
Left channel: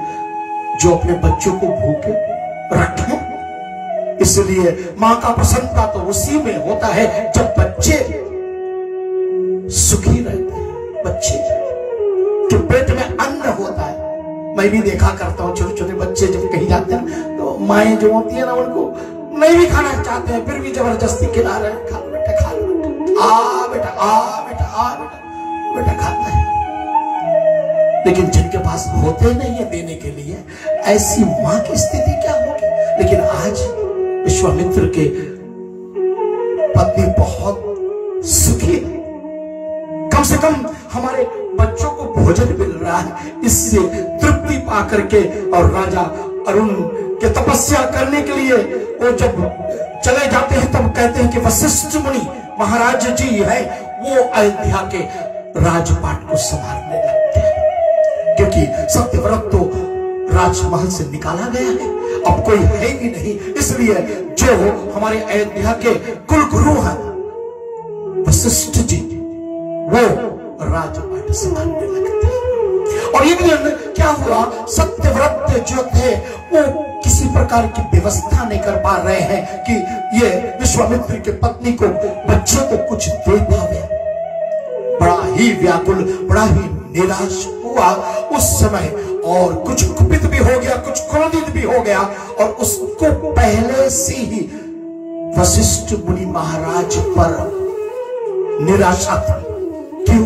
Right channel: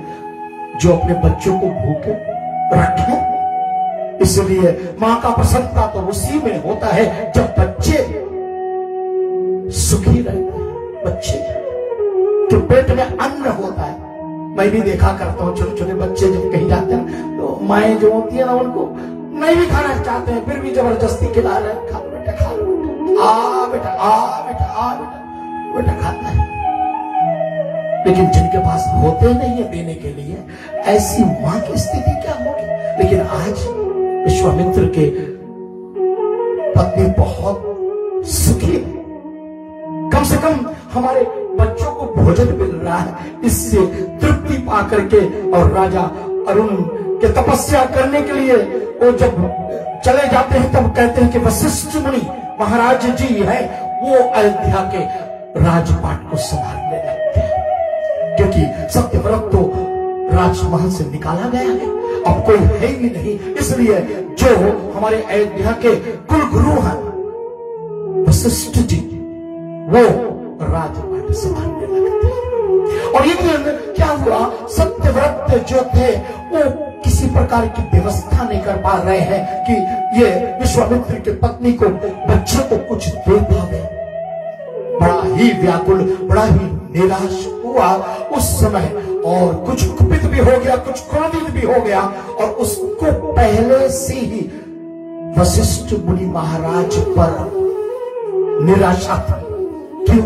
जो अपने बच्चों को भूखे रखे? इसलिए मां का प्रसन्नता तो उसी में होता है जब बच्चे सुखी रहते हैं, बच्चे के पेट में अन्न होता है। मैं भी देखा करता हूँ, छोटे छोटे बच्चे जब कहीं जाते हैं तो माएं जो होती है ना, उनको नहीं भी खाना चाहते हैं फिर भी जबरदस्ती खिला रहे हैं, खा लो बेटा, खा लो बेटा, आ बेटा, आ बेटा, आ बेटा, बेटा खाता है। लेकिन जिनके पास होते नहीं है देने के लिए, ऐसी मां की स्थिति क्या होगी? लेकिन आज विश्वामित्र के पत्नी बहुत सुखी है, कम से कम हमारे बच्चों को भोजन मिल रहा है, इससे तृप्ति पा करके। और राजा अरुण के तपस्या करने के लिए वो जब चले जाते हैं तब कहते हैं कि वशिष्ठ मुनि महाराज जी है, वो अयोध्या के राजपाट को संभालने लगते हैं, क्योंकि सत्यव्रत तो राजमहल से निकाला गया है, अब कोई है ही नहीं। इसलिए जो हमारे अयोध्या के कुल गुरु हैं वशिष्ठ जी, वो राजपाट संभालने लगते हैं। और एक दिन क्या हुआ, सत्यव्रत जो थे वो किसी प्रकार की व्यवस्था नहीं कर पा रहे हैं कि ये विश्वामित्र की पत्नी को, बच्चे को कुछ दे पावे। बड़ा ही व्याकुल, बड़ा ही निराश हुआ उस समय, और कुछ कुपित भी हो गया, कुछ क्रोधित भी हो गया। और उसको पहले से ही वशिष्ठ मुनि महाराज पर निराशा थी। क्यों?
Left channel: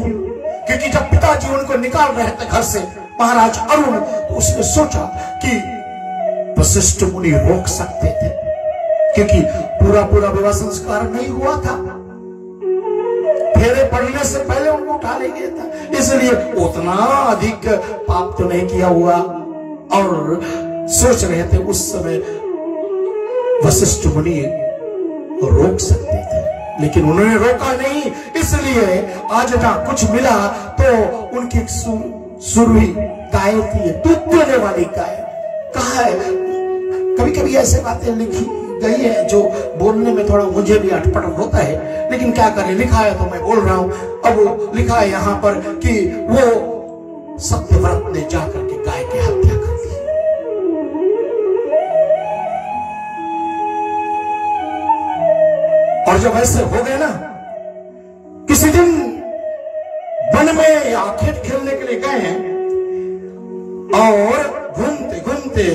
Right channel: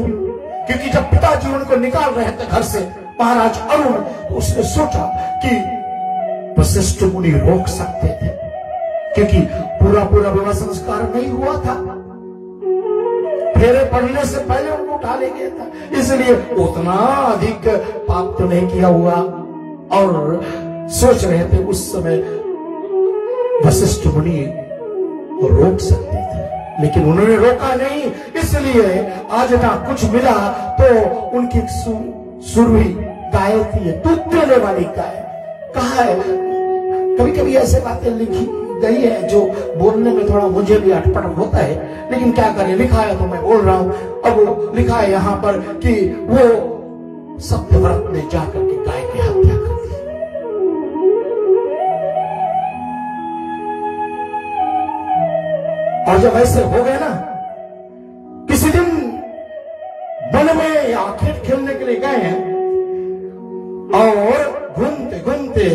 क्योंकि जब पिताजी उनको निकाल रहे थे घर से, महाराज अरुण, तो उसने सोचा कि वशिष्ठ मुनि रोक सकते थे, क्योंकि पूरा पूरा विवाह संस्कार नहीं हुआ था, फेरे पड़ने से पहले उनको उठा ले गया था, इसलिए उतना अधिक पाप तो नहीं किया हुआ। और सोच रहे थे उस समय वशिष्ठ मुनि रोक सकते थे, लेकिन उन्होंने रोका नहीं। इसलिए आज ना कुछ मिला तो उनकी सुरभि गाय थी, दूध देने वाली गाय। कहा है, कभी कभी ऐसे बातें लिखी गई है जो बोलने में थोड़ा मुझे भी अटपट होता है, लेकिन क्या करें, लिखा है तो मैं बोल रहा हूं। अब लिखा है यहां पर कि वो सत्यव्रत ने जाकर के गाय की हत्या कर दी। और जब ऐसे हो गए ना, किसी दिन वन में या खेत खेलने के लिए गए हैं, और घूमते घूमते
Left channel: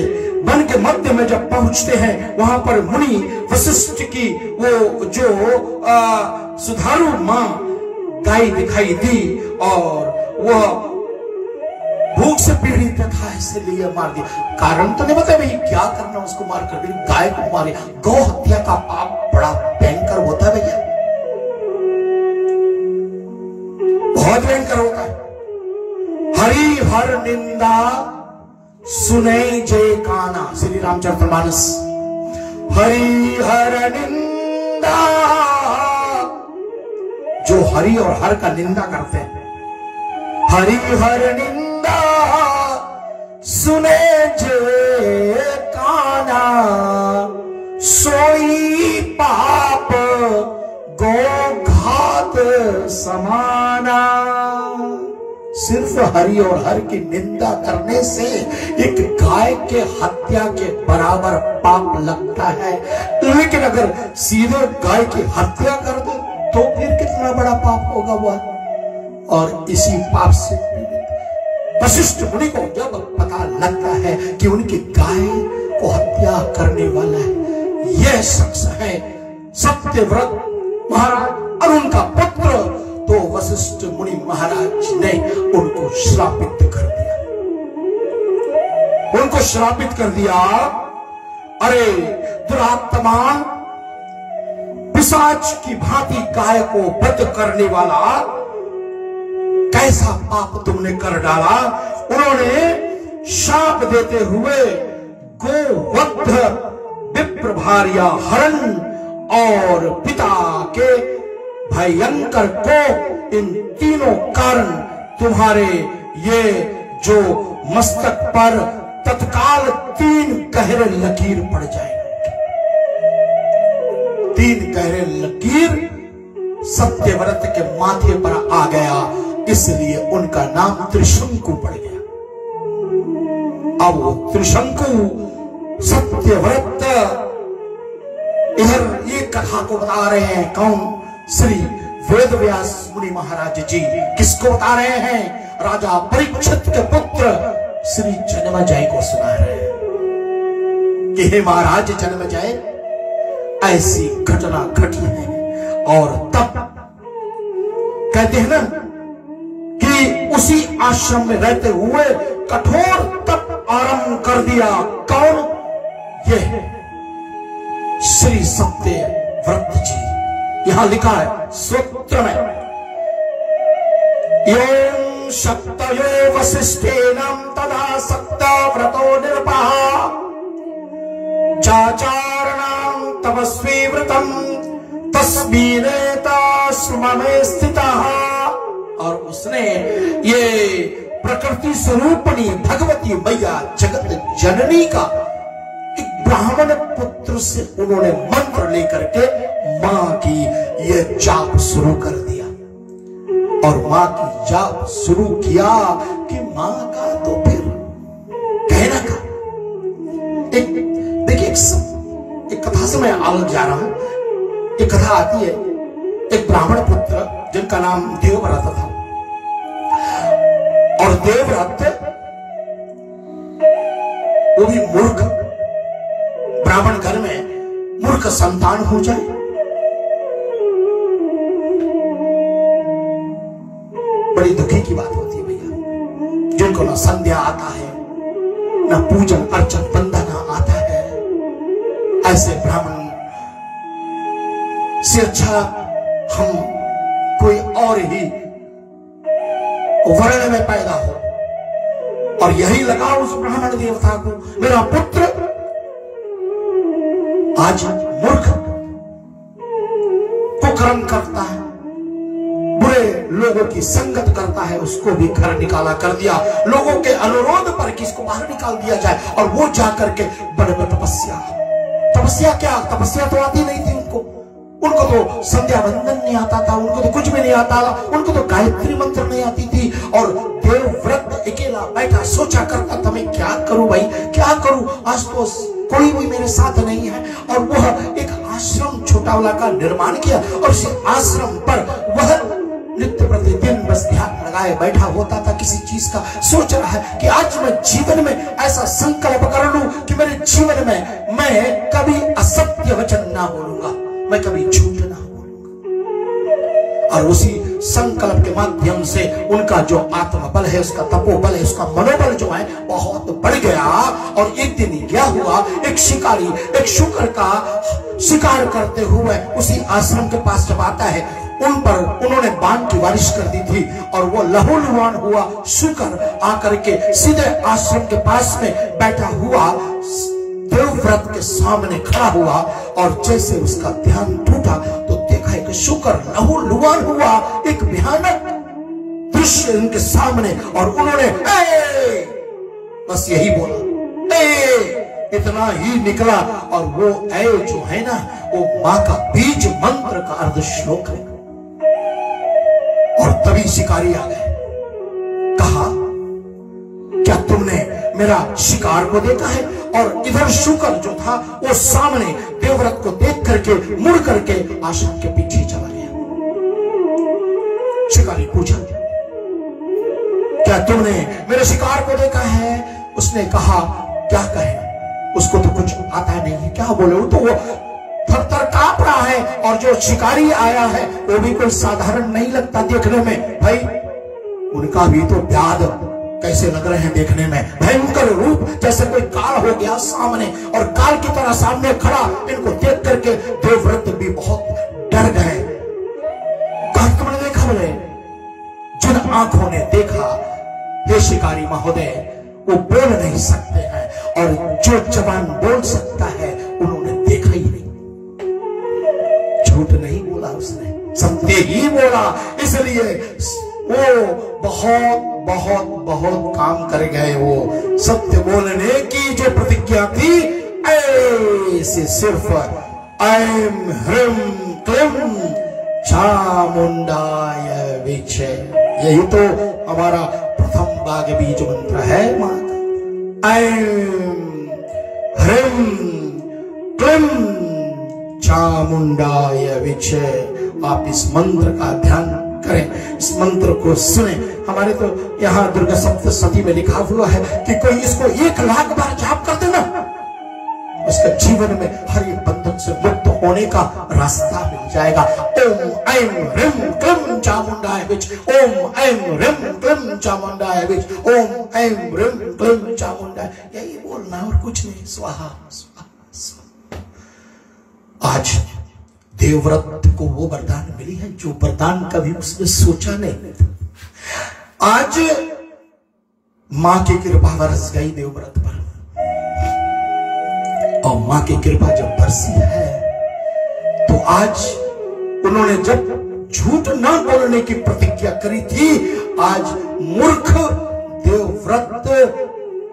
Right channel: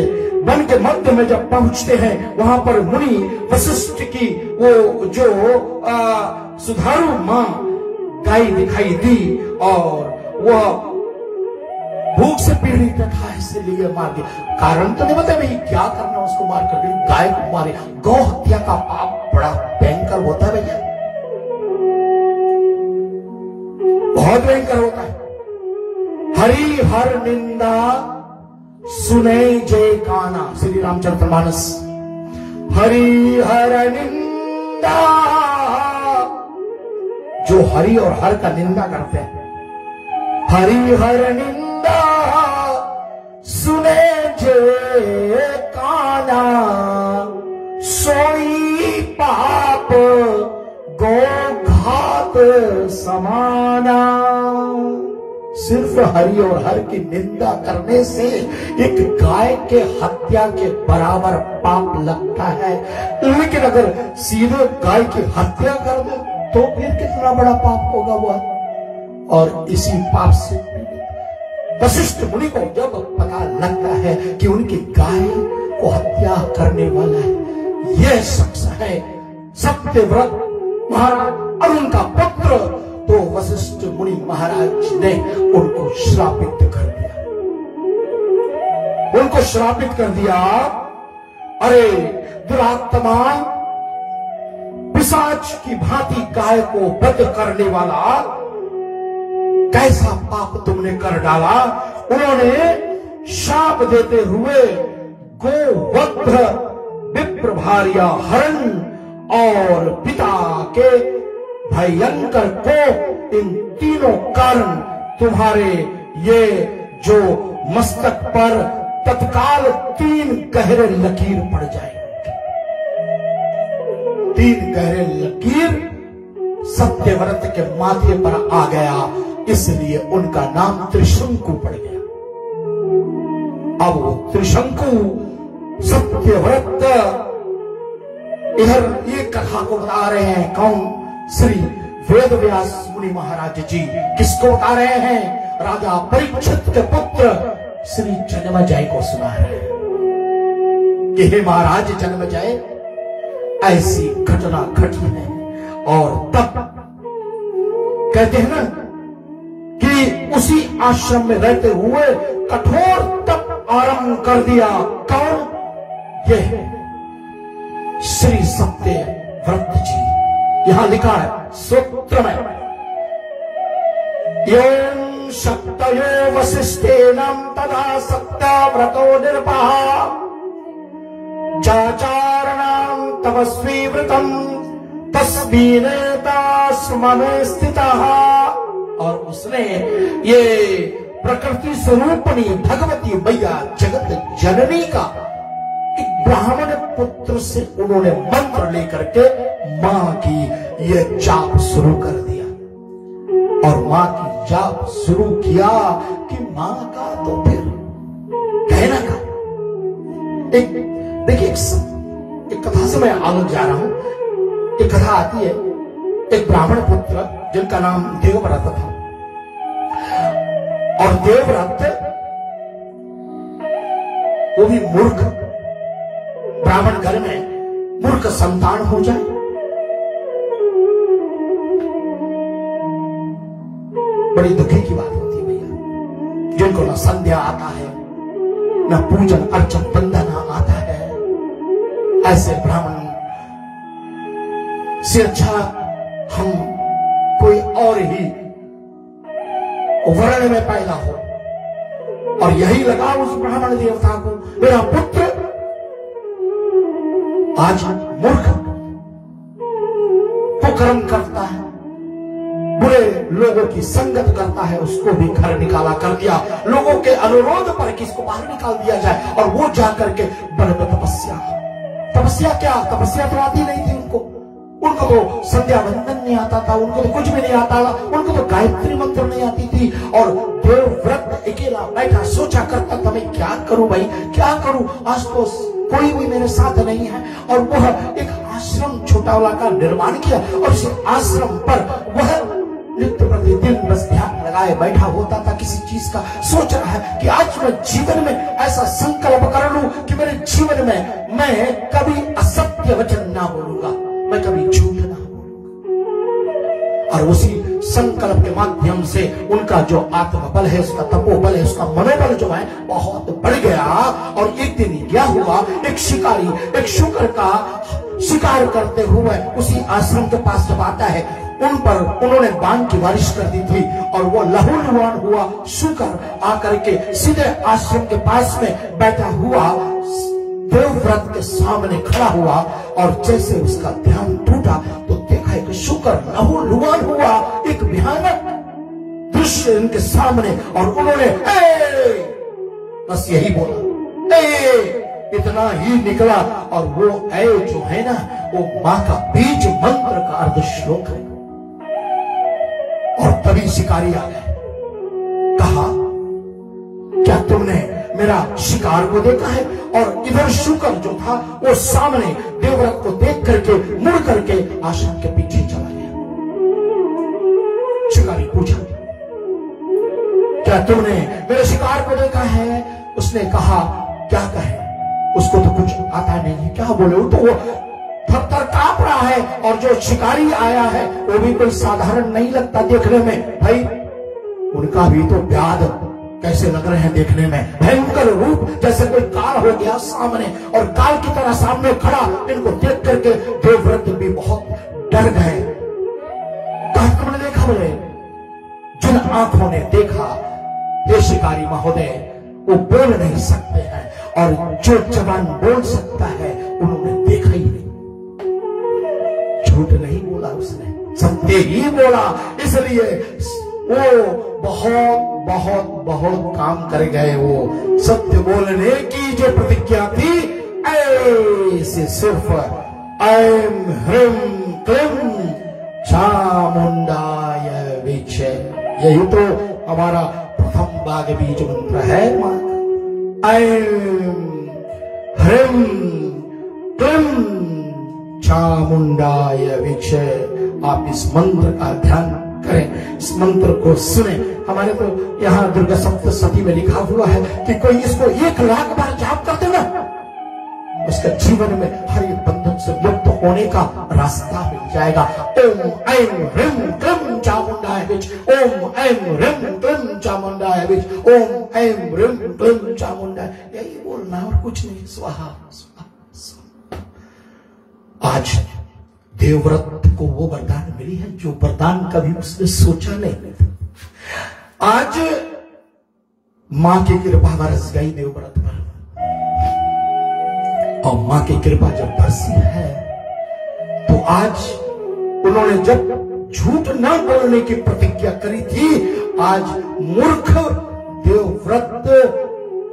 वन के मध्य में जब पहुंचते हैं, वहां पर मुनि वशिष्ठ की वो जो सुधारू मां गाय दिखाई दी, और वह भूख से पीड़ित था, इसलिए मार दिया। कारण तो नहीं बताया भाई क्या करना उसको मार कर, गाय को मारे। गौ हत्या का पाप बड़ा भयंकर होता है भैया, बहुत भयंकर होता है। हरि हर निंदा सुने जय काना, श्री रामचरितमानस। हरि हर निंदा, जो हरि और हर का निंदा करते हैं, हरि हर निंदा सुने जय काना, सोई पाप गो घात समाना। सिर्फ हरि और हर की निंदा करने से एक गाय के हत्या के बराबर पाप लगता है, लेकिन अगर सीधे गाय की हत्या कर दो तो फिर कितना बड़ा पाप होगा वह। और इसी पाप से वशिष्ठ मुनि को जब पता लगता है कि उनकी गाय को हत्या करने वाला है यह शख्स है सत्यव्रत महाराज अरुण का पुत्र, तो वशिष्ठ मुनि महाराज ने उनको श्रापित कर दिया, उनको श्रापित कर दिया। अरे दुरात्मान, पिशाच की भांति गाय को वध करने वाला, कैसा पाप तुमने कर डाला। उन्होंने शाप देते हुए गोवध, विप्रभार्या हरण और पिता के भयंकर को, इन तीनों कारण तुम्हारे ये जो मस्तक पर तत्काल 3 गहरे लकीर पड़ जाएंगे। 3 गहरे लकीर सत्यव्रत के माथे पर आ गया, इसलिए उनका नाम त्रिशंकु पड़ गया। अब वो त्रिशंकु सत्यव्रत इधर ये कथा को बता रहे हैं, कौन? श्री वेदव्यास मुनि महाराज जी। किसको बता रहे हैं? राजा परीक्षित के पुत्र श्री जन्मेजय को सुना रहे हैं कि हे महाराज जन्मेजय, ऐसी घटना घटी है। और तब कहते हैं ना कि उसी आश्रम में रहते हुए कठोर तप आरंभ कर दिया। कौन? यह श्री सत्यव्रत जी। यहां लिखा है सूत्र में, एवं सप्तयो वसिष्ठेनं तदा सत्यव्रतो निर्पः चाचारणां तपस्वी व्रतम् तस्मिनेता सुमने स्थितः। और उस उसने ये प्रकृति स्वरूपणी भगवती मैया जगत जननी का एक ब्राह्मण पुत्र से उन्होंने मंत्र लेकर के मां की यह जाप शुरू कर दिया। और मां की जाप शुरू किया कि मां का तो फिर कहना का देखिए एक कथा से मैं आगे जा रहा हूं। एक कथा आती है, एक ब्राह्मण पुत्र जिनका नाम देवव्रत था। और देवव्रत वो भी मूर्ख, ब्राह्मण घर में मूर्ख संतान हो जाए, बड़ी दुखी की बात होती है भैया। जिनको ना संध्या आता है, ना पूजन अर्चन वंदना आता है, ऐसे ब्राह्मण से अच्छा हम कोई और ही वर्ण में पैदा हो। और यही लगा उस ब्राह्मण देवता को, मेरा पुत्र आज मूर्ख कुकर्म करता है, बुरे लोगों की संगत करता है, उसको भी घर निकाला कर दिया। लोगों के अनुरोध पर कि इसको बाहर निकाल दिया जाए। और वो जाकर के बड़े तपस्या क्या, तपस्या तो आती नहीं थी उनको तो संध्या वंदन नहीं आता था, उनको तो कुछ भी नहीं आता, उनको तो गायत्री मंत्र नहीं आती थी। और देवव्रत अकेला बैठा सोचा करता था, मैं क्या करूं भाई, क्या करूं, आज तो कोई भी मेरे साथ नहीं है। और वह एक आश्रम छोटा वाला का निर्माण किया और उस आश्रम पर वह नित्य प्रतिदिन बस ध्यान लगाए बैठा होता था। किसी चीज का सोच रहा है कि आज मैं जीवन में ऐसा संकल्प कर लूं कि मेरे जीवन में मैं कभी असत्य वचन ना बोलूंगा, मैं कभी झूठ ना बोलूंगा। और उसी संकल्प के माध्यम से उनका जो आत्मबल है, उसका तपोबल है, उसका मनोबल जो है बहुत बढ़ गया। और एक दिन क्या हुआ, एक शिकारी एक शुकर का शिकार करते हुए उसी आश्रम के पास जब आता है, उन पर उन्होंने बाण की बारिश कर दी थी। और वो लहूलुहान हुआ शुकर आकर के सीधे आश्रम के पास में बैठा हुआ देवव्रत के सामने खड़ा हुआ। और जैसे उसका ध्यान टूटा तो देखा कि शुकर लहूलुहान हुआ, एक भयानक दृश्य उनके सामने। और उन्होंने बस यही बोला, इतना ही निकला। और वो जो है ना, वो मां का बीज मंत्र का अर्ध श्लोक है। और तभी शिकारी आ गए, कहा क्या तुमने मेरा शिकार को देखा है? और इधर शुकर जो था वो सामने देवव्रत को देख करके मुड़ करके आश्रम के पीछे चला गया। शिकारी पूछा, क्या तुमने मेरे शिकार को देखा है? उसने कहा, क्या कहे, उसको तो कुछ आता नहीं है, क्या बोले, तो वो थर-थर कांप रहा है। और जो शिकारी आया है वो भी कोई साधारण नहीं लगता देखने में भाई, उनका भी तो व्याध कैसे लग रहे हैं देखने में, भयंकर रूप, जैसे कोई काल हो गया सामने। और काल की तरह सामने खड़ा इनको देख करके देवव्रत भी बहुत डर गए। कहा तुमने देखा? बोले, जिन आंखों ने देखा हे शिकारी महोदय, वो बोल नहीं सकते हैं, और जो जबान बोल सकता है उन्होंने देखा ही नहीं। झूठ नहीं बोला उसने, सत्य ही बोला। इसलिए वो बहुत बहुत बहुत काम कर गए। वो सत्य बोलने की जो प्रतिज्ञा थी, ऐसे सिर्फ ऐम ह्रीम क्लीम चामुंडाय विचे, यही तो हमारा प्रथम बाग बीज मंत्र है मां का। ऐम ह्रीम क्लीम चामुंडाय विचे। आप इस मंत्र का ध्यान करें, इस मंत्र को सुने। हमारे तो यहाँ दुर्गा सप्तशती में लिखा हुआ है कि कोई इसको 1,00,000 बार जाप कर देना, उसके जीवन में हर एक बंधन से मुक्त होने का रास्ता मिल जाएगा। ओम ऐम ह्रीम क्लीम चामुंडाय विच, ओम ऐम ह्रीम क्लीम चामुंडाय विच, ओम ऐम ह्रीम क्लीम चामुंडाय, यही बोलना और कुछ नहीं। स्वाहा स्वाहा स्वाहा। आज देवव्रत को वो वरदान मिली है जो वरदान कभी उसने सोचा नहीं। आज मां की कृपा बरस गई देवव्रत पर, और मां की कृपा जब बरसी है तो आज उन्होंने जब झूठ न बोलने की प्रतिज्ञा करी थी, आज मूर्ख देवव्रत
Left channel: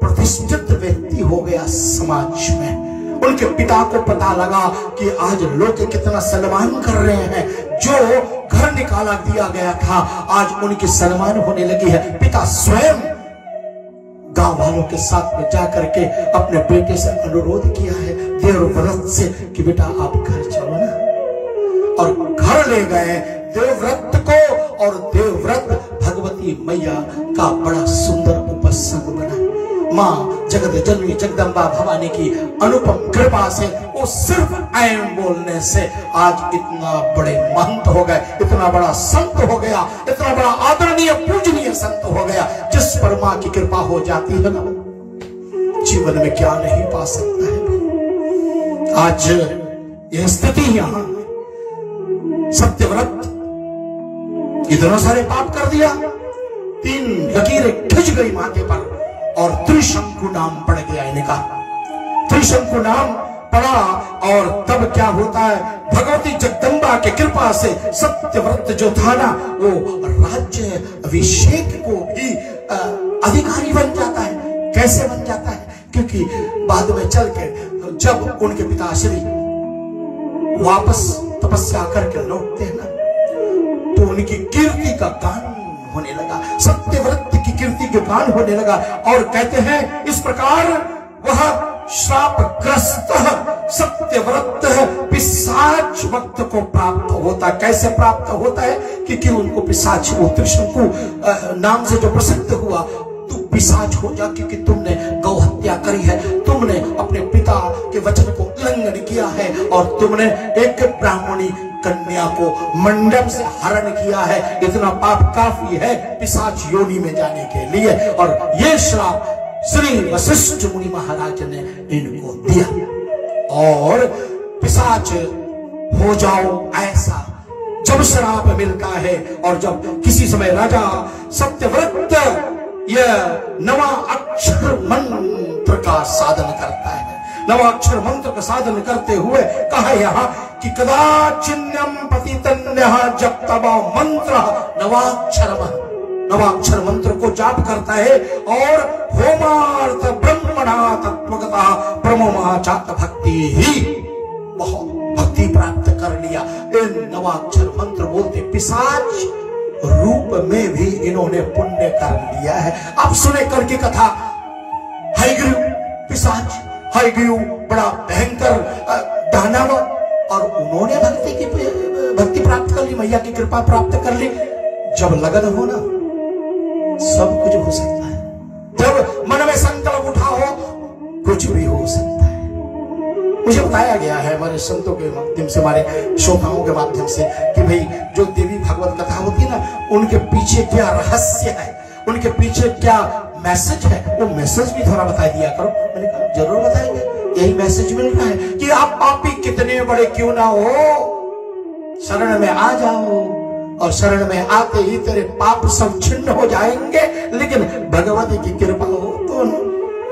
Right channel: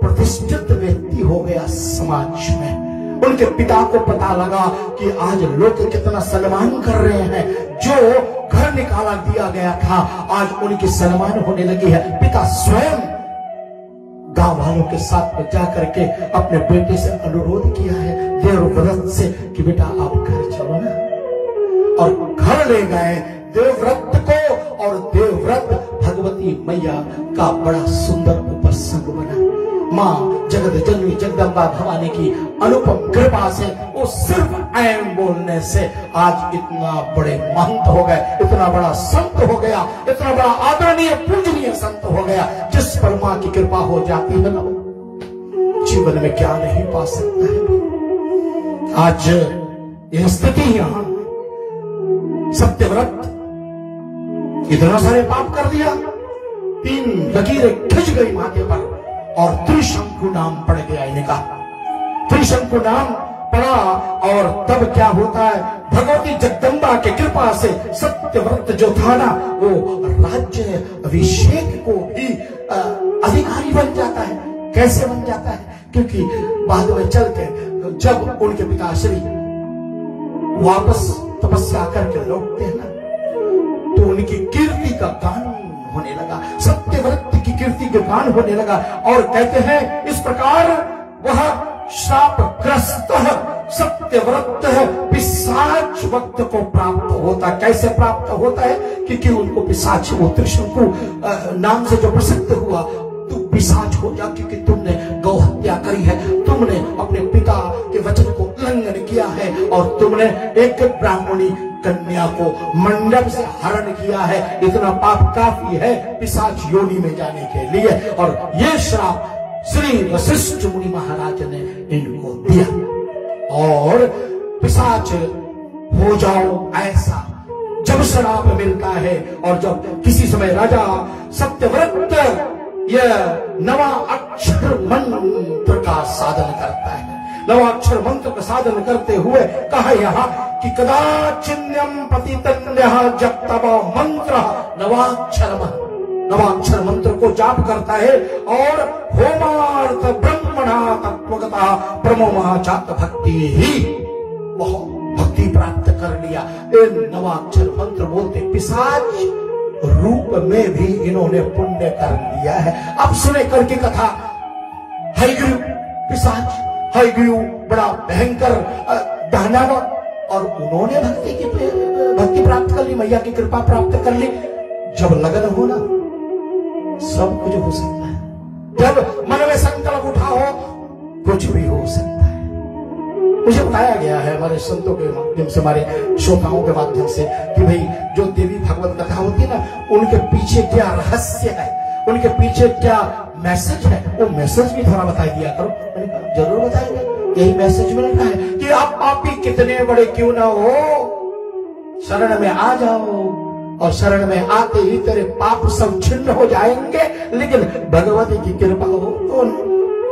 प्रतिष्ठित व्यक्ति हो गया समाज में। उनके पिता को पता लगा कि आज लोग कितना सम्मान कर रहे हैं, जो घर निकाला दिया गया था आज उनकी सम्मान होने लगी है। पिता स्वयं गांव वालों के साथ में जाकर के अपने बेटे से अनुरोध किया है देवव्रत से कि बेटा आप घर चलो ना, और घर ले गए देवव्रत को। और देवव्रत भगवती मैया का बड़ा सुंदर उपसंग बना। माँ जगत जननी जगदम्बा भवानी की अनुपम कृपा से वो सिर्फ ऐन बोलने से आज इतना बड़े महंत हो गए, इतना बड़ा संत हो गया, इतना बड़ा आदरणीय पूजनीय संत हो गया। जिस पर माँ की कृपा हो जाती है ना, जीवन में क्या नहीं पा सकता है। आज यह स्थिति यहाँ सत्यव्रत इतना सारे पाप कर दिया, 3 लकीरें खिंच गई माथे पर और त्रिशंकु नाम पड़ गया इनका। त्रिशंकु नाम पड़ा और तब क्या होता है, भगवती जगदम्बा के कृपा से सत्यव्रत जो था ना, वो राज्य अभिषेक को भी अधिकारी बन जाता है। कैसे बन जाता है? क्योंकि बाद में चल के जब उनके पिताश्री वापस तपस्या करके लौटते हैं ना, तो उनकी कीर्ति का गान होने लगा, सत्यव्रत की कीर्ति का गान होने लगा। और कहते हैं इस प्रकार वह श्रापग्रस्त सत्यव्रत पिशाच वक्त को प्राप्त होता। कैसे प्राप्त होता है? क्योंकि उनको पिशाच, वो त्रिशंकु नाम से जो प्रसिद्ध हुआ, तू पिशाच हो जा क्योंकि तुमने गौ हत्या करी है, तुमने अपने पिता के वचन को उल्लंघन किया है और तुमने एक ब्राह्मणी कन्या को मंडप से हरण किया है। इतना पाप काफी है पिशाच योनि में जाने के लिए। और ये श्राप श्री वशिष्ठ मुनि महाराज ने इनको दिया। और पिशाच हो जाओ ऐसा जब श्राप मिलता है, और जब किसी समय राजा सत्यव्रत यह नवा अक्षर मंत्र का साधन करता है, नवा अक्षर मंत्र का साधन करते हुए कहा यहाँ कि कदाचिन्यम पतितन्यः जप तब मंत्र नवाक्षर मंत्र को जाप करता है और होमार्थ ब्रह्मणा तत्वगता प्रमोमाचात भक्ति ही भक्ति प्राप्त कर लिया। इन नवाक्षर मंत्र बोलते पिशाच रूप में भी इन्होंने पुण्य कर लिया है। अब सुने करके कथा, हयग्रीव पिशाच, हयग्रीव बड़ा भयंकर दानव, और उन्होंने भक्ति प्राप्त कर ली, मैया की कृपा प्राप्त कर ली। जब लगन हो ना, सब कुछ हो सकता है। जब मन में संकल्प उठा हो, कुछ भी हो सकता है। मुझे बताया गया है हमारे संतों के माध्यम से, हमारे श्रोताओं के माध्यम से कि भाई जो देवी भागवत कथा होती है ना, उनके पीछे क्या रहस्य है, उनके पीछे क्या मैसेज है, वो मैसेज भी थोड़ा बता दिया करो। मैंने कहा जरूर बताएंगे। यही मैसेज मिल रहा है कि आप पापी कितने बड़े क्यों ना हो, शरण में आ जाओ, और शरण में आते ही तेरे पाप सब छिन्न हो जाएंगे। लेकिन भगवती की कृपा हो तो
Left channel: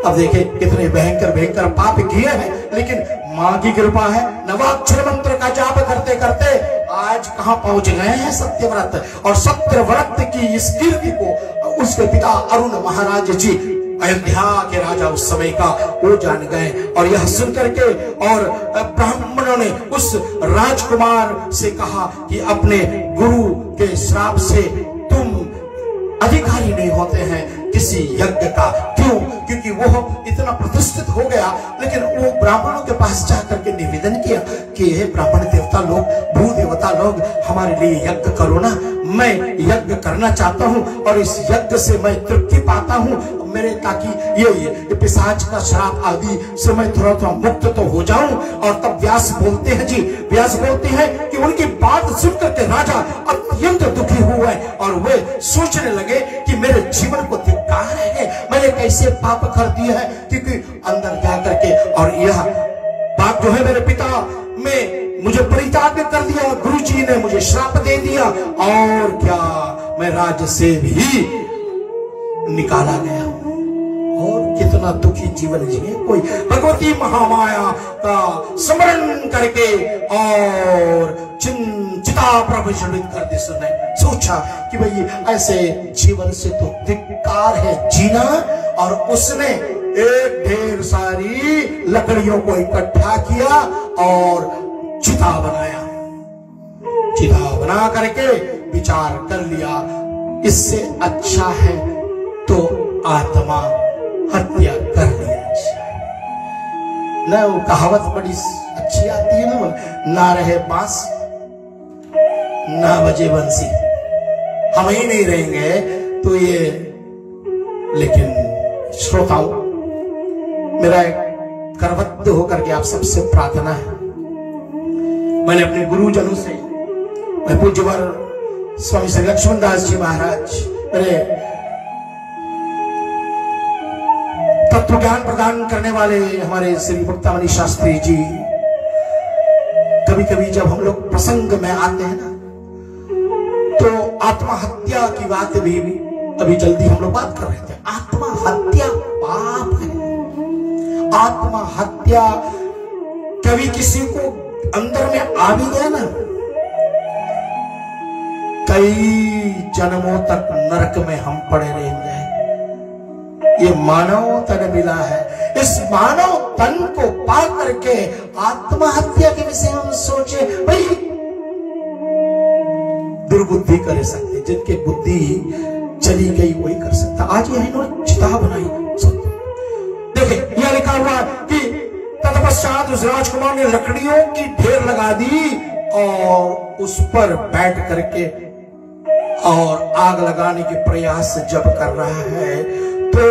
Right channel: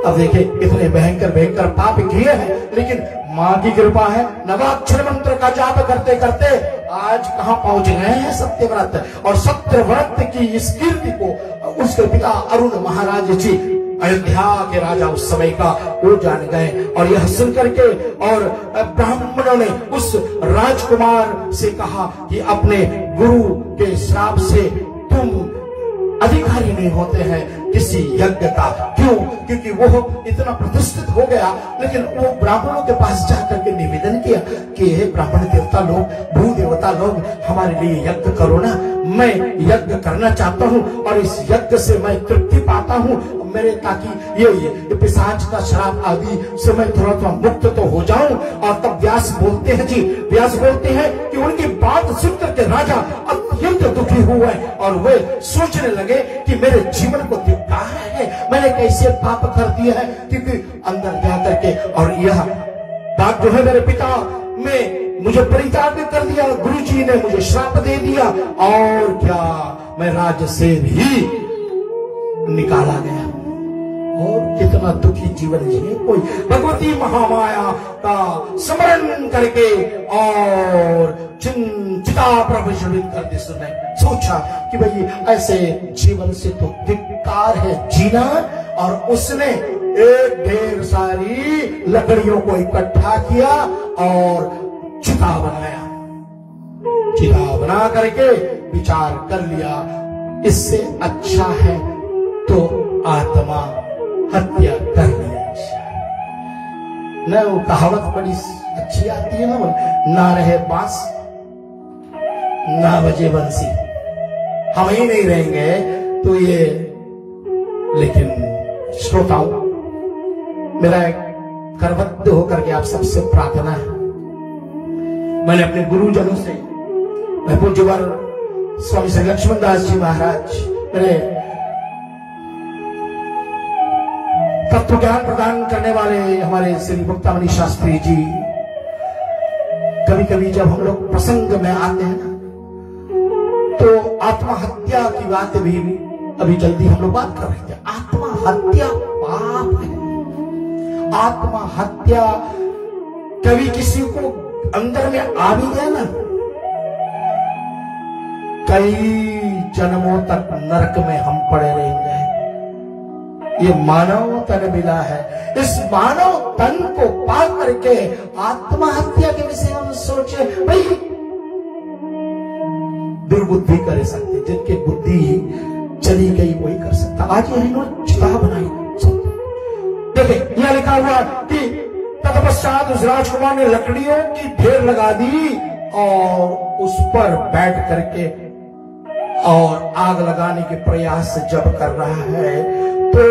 अब देखिए कितने भयंकर भयंकर पाप किए हैं, लेकिन माँ की कृपा है। नवाक्षर मंत्र का जाप करते करते आज कहाँ पहुंच गए हैं सत्यव्रत। और सत्यव्रत की इस कीर्ति को उसके पिता अरुण महाराज जी, अयोध्या के राजा उस समय का, वो जान गए। और यह सुन करके और ब्राह्मणों ने उस राजकुमार से कहा कि अपने गुरु के श्राप से तुम अधिकारी नहीं होते हैं किसी यज्ञ का। क्यों? क्योंकि वो इतना प्रतिष्ठित हो गया। लेकिन वो ब्राह्मणों के पास जाकर के निवेदन किया कि हे ब्राह्मण देवता लोग, भू देवता लोग, हमारे लिए यज्ञ करो ना, मैं यज्ञ करना चाहता हूँ और इस यज्ञ से मैं तृप्ति पाता हूँ मेरे, ताकि ये पिशाच का श्राप आदि से मैं थोड़ा थोड़ा मुक्त तो हो जाऊं। और तब व्यास बोलते हैं जी, व्यास बोलते हैं कि उनकी बात सुनकर के राजा अत्यंत दुखी हुए और वे सोचने लगे कि मेरे जीवन को धिक्कार है, मैंने कैसे पाप कर दिया है। क्योंकि अंदर जाकर के, और यह बात जो है मेरे पिता में मुझे परित्याग कर दिया, गुरुजी ने मुझे श्राप दे दिया, और क्या मैं राज्य से भी निकाला गया और कितना दुखी जीवन जिए। कोई भगवती महामाया का स्मरण करके और चिंतित चिता प्रज्वलित कर दी। उसने सोचा कि भाई ऐसे जीवन से तो धिक्कार है जीना, और उसने एक ढेर सारी लकड़ियों को इकट्ठा किया और चिता बनाया। चिता बना करके विचार कर लिया, इससे अच्छा है तो आत्मा हत्या कर ली। न वो कहावत बड़ी अच्छी आती है ना रहे बांस ना बजे बंसी, हम ही नहीं रहेंगे तो ये। लेकिन श्रोताओं, मेरा एक करबद्ध होकर के आप सबसे प्रार्थना है, मैंने अपने गुरुजनों से, मैं पूज्यवर स्वामी श्री लक्ष्मण दास जी महाराज, मेरे तत्व ज्ञान प्रदान करने वाले हमारे श्री मुक्तामणि शास्त्री जी, कभी कभी जब हम लोग प्रसंग में आते हैं ना, तो आत्महत्या की बात भी अभी जल्दी हम लोग बात कर रहे थे। आत्महत्या पाप है। आत्महत्या कभी किसी को अंदर में आ भी गया ना, कई जन्मों तक नरक में हम पड़े रहेंगे। ये मानव तन मिला है, इस मानव तन को पा करके आत्महत्या के विषय हम सोचे। भाई दुर्बुद्धि कर सकते, जिनके बुद्धि चली गई वही कर सकता। आज यह इन्होंने चिता बनाई। देखिए यह लिखा हुआ कि तत्पश्चात उस राजकुमार ने लकड़ियों की ढेर लगा दी और उस पर बैठ करके और आग लगाने के प्रयास जब कर रहा है तो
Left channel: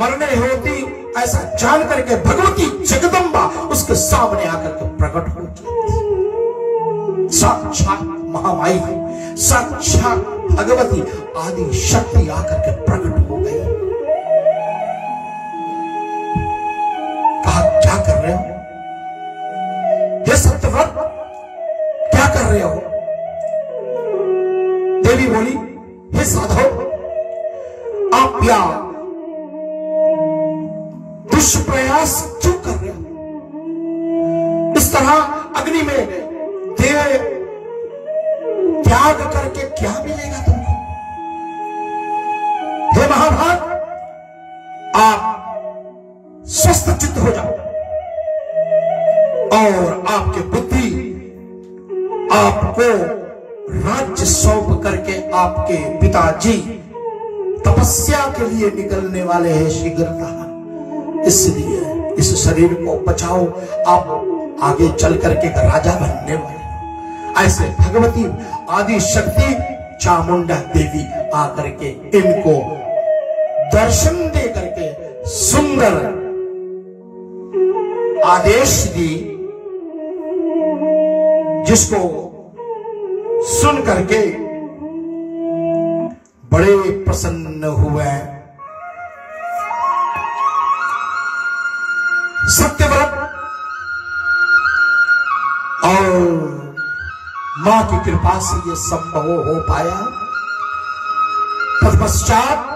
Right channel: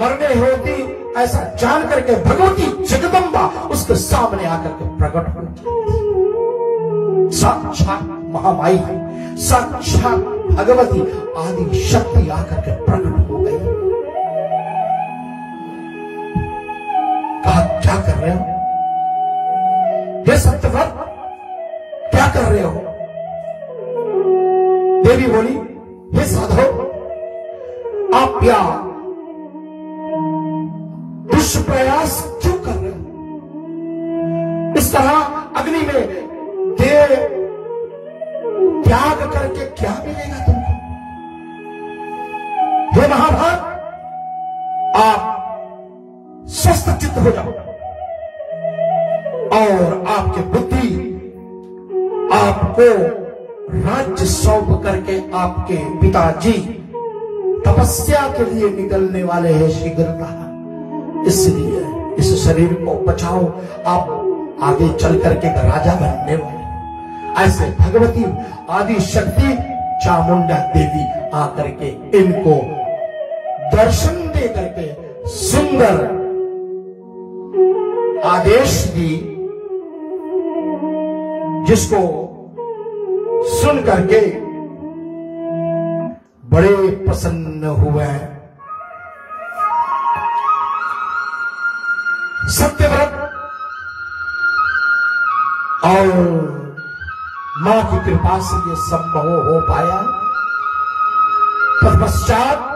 मरने होती ऐसा जान करके भगवती जगदम्बा उसके सामने आकर के प्रकट हो जाती। साक्षात महामाई, साक्षात भगवती आदि शक्ति आकर के प्रकट हो गई। कहा क्या कर रहे हो ये सत्यव्रत, क्या कर रहे हो? देवी बोली, हे साधो, आप क्या दुष्प्रयास क्यों कर रहे हो? इस तरह अग्नि में देह त्याग करके क्या मिलेगा तुमको? हे महाभारत, आप स्वस्थ चित्त हो जाओ और आपकी बुद्धि आपको राज्य सौंप करके आपके पिताजी तपस्या के लिए निकलने वाले हैं शीघ्रता। इसलिए इस शरीर को बचाओ, आप आगे चल करके राजा बनने वाले। ऐसे भगवती आदि शक्ति चामुंडा देवी आकर के इनको दर्शन दे करके सुंदर आदेश दी, जिसको सुन करके बड़े प्रसन्न हुए। सत्यव्रत और मां की कृपा से यह संभव हो पाया। तत्पश्चात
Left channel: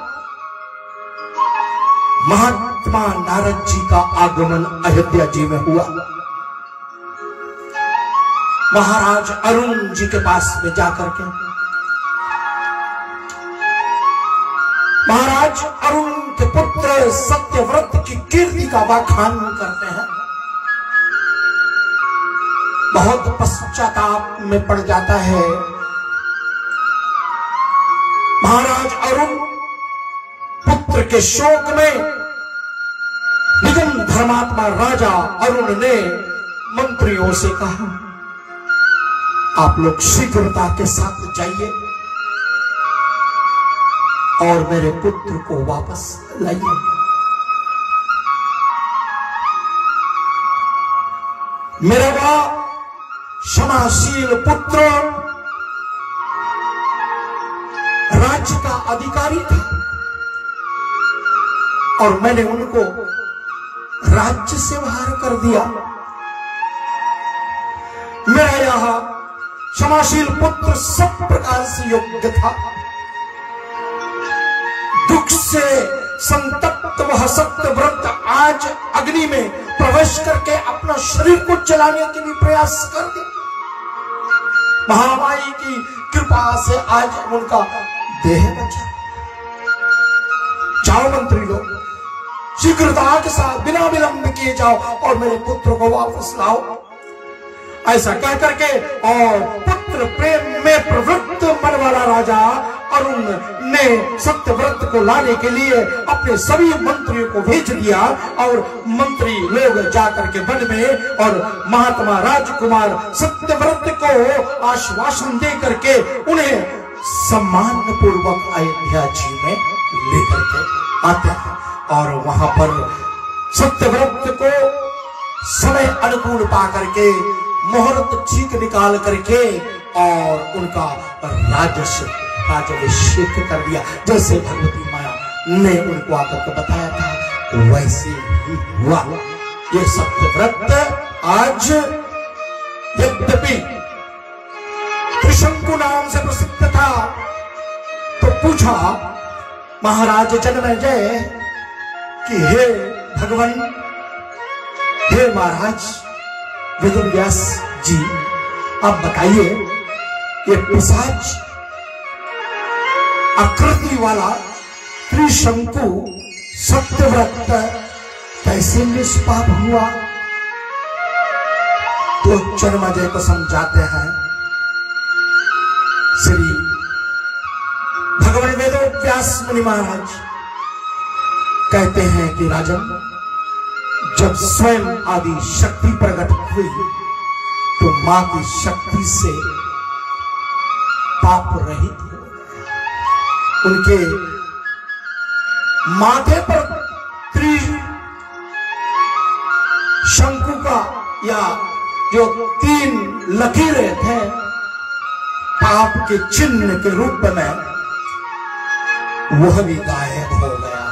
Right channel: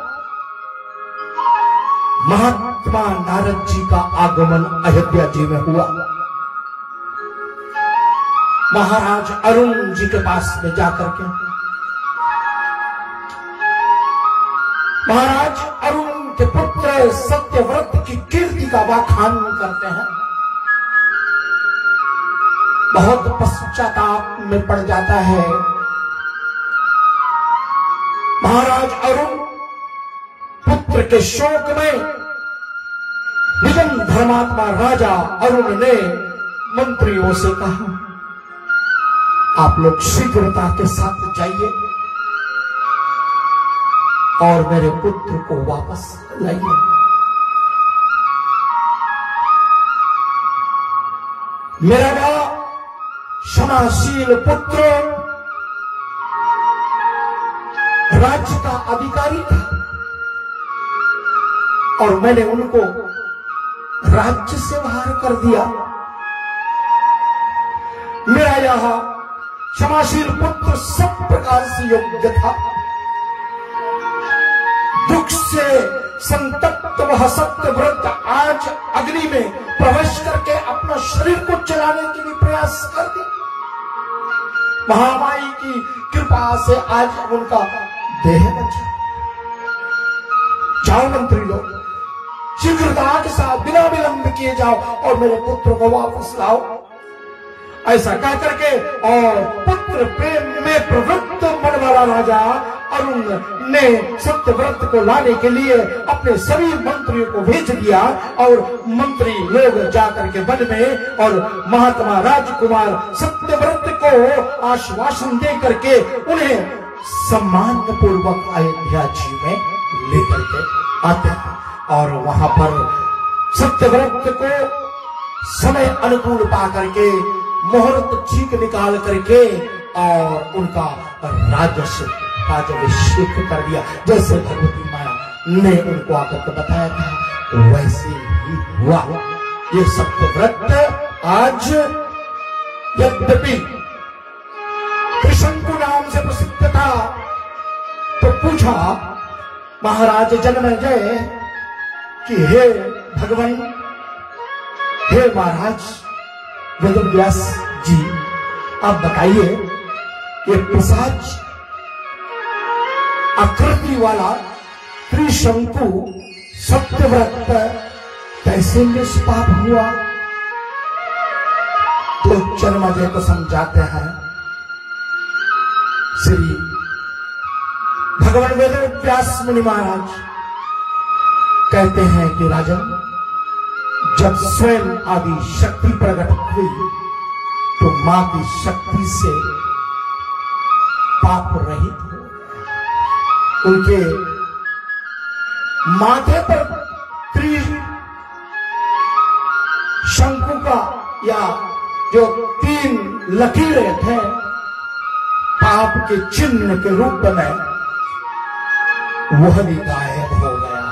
महात्मा नारद जी का आगमन अयोध्या जी में हुआ। महाराज अरुण जी के पास में जाकर के महाराज अरुण के पुत्र सत्यव्रत की कीर्ति का बखान करते हैं। बहुत पश्चाताप में पड़ जाता है। महाराज अरुण पुत्र के शोक में निगम धर्मात्मा राजा अरुण ने मंत्रियों से कहा, आप लोग शीघ्रता के साथ जाइए और मेरे पुत्र को वापस लाइए। मेरा क्षमाशील पुत्र राज्य का अधिकारी था और मैंने उनको राज्य से बाहर कर दिया। मेरा यह क्षमाशील पुत्र सब प्रकार से योग्य था। दुख से संतप्त वह सत्यव्रत आज अग्नि में प्रवेश करके अपना शरीर को जलाने के लिए प्रयास कर दी। महामाई की कृपा से आज उनका देह बचा। जाओ मंत्री लोग, शीघ्रता के साथ बिना विलंब किए जाओ और मेरे पुत्र को वापस लाओ। ऐसा कह करके और पुत्र प्रेम में प्रवृत्त मन वाला राजा अरुण ने सत्यव्रत को लाने के लिए अपने सभी मंत्रियों को भेज दिया और मंत्री लोग जाकर के वन में और महात्मा राजकुमार सत्यव्रत को आश्वासन दे करके उन्हें सम्मान पूर्वक अयोध्या जी में लेकर के आते हैं और वहां पर सत्यव्रत को समय अनुकूल पा करके मुहूर्त ठीक निकाल करके और उनका राज्याभिषेक कर दिया। जैसे भगवती माया ने उनको आकर के बताया था वैसे ही हुआ। ये सत्यव्रत आज यद्यपि त्रिशंकु नाम से प्रसिद्ध था, तो पूछा महाराज जन्मेजय कि हे भगवान, हे महाराज वेदव्यास जी, आप बताइए ये पिशाच आकृति वाला त्रिशंकु सत्यव्रत कैसे निष्पाप हुआ? तो जन्मेजय को समझाते हैं श्री भगवान वेदव्यास मुनि महाराज कहते हैं कि राजन, जब स्वयं आदि शक्ति प्रकट हुई तो मां की शक्ति से पाप रहित हो गए। उनके माथे पर त्रिशंकु का या जो 3 लकीरें थे पाप के चिन्ह के रूप में, वह भी गायब हो गया,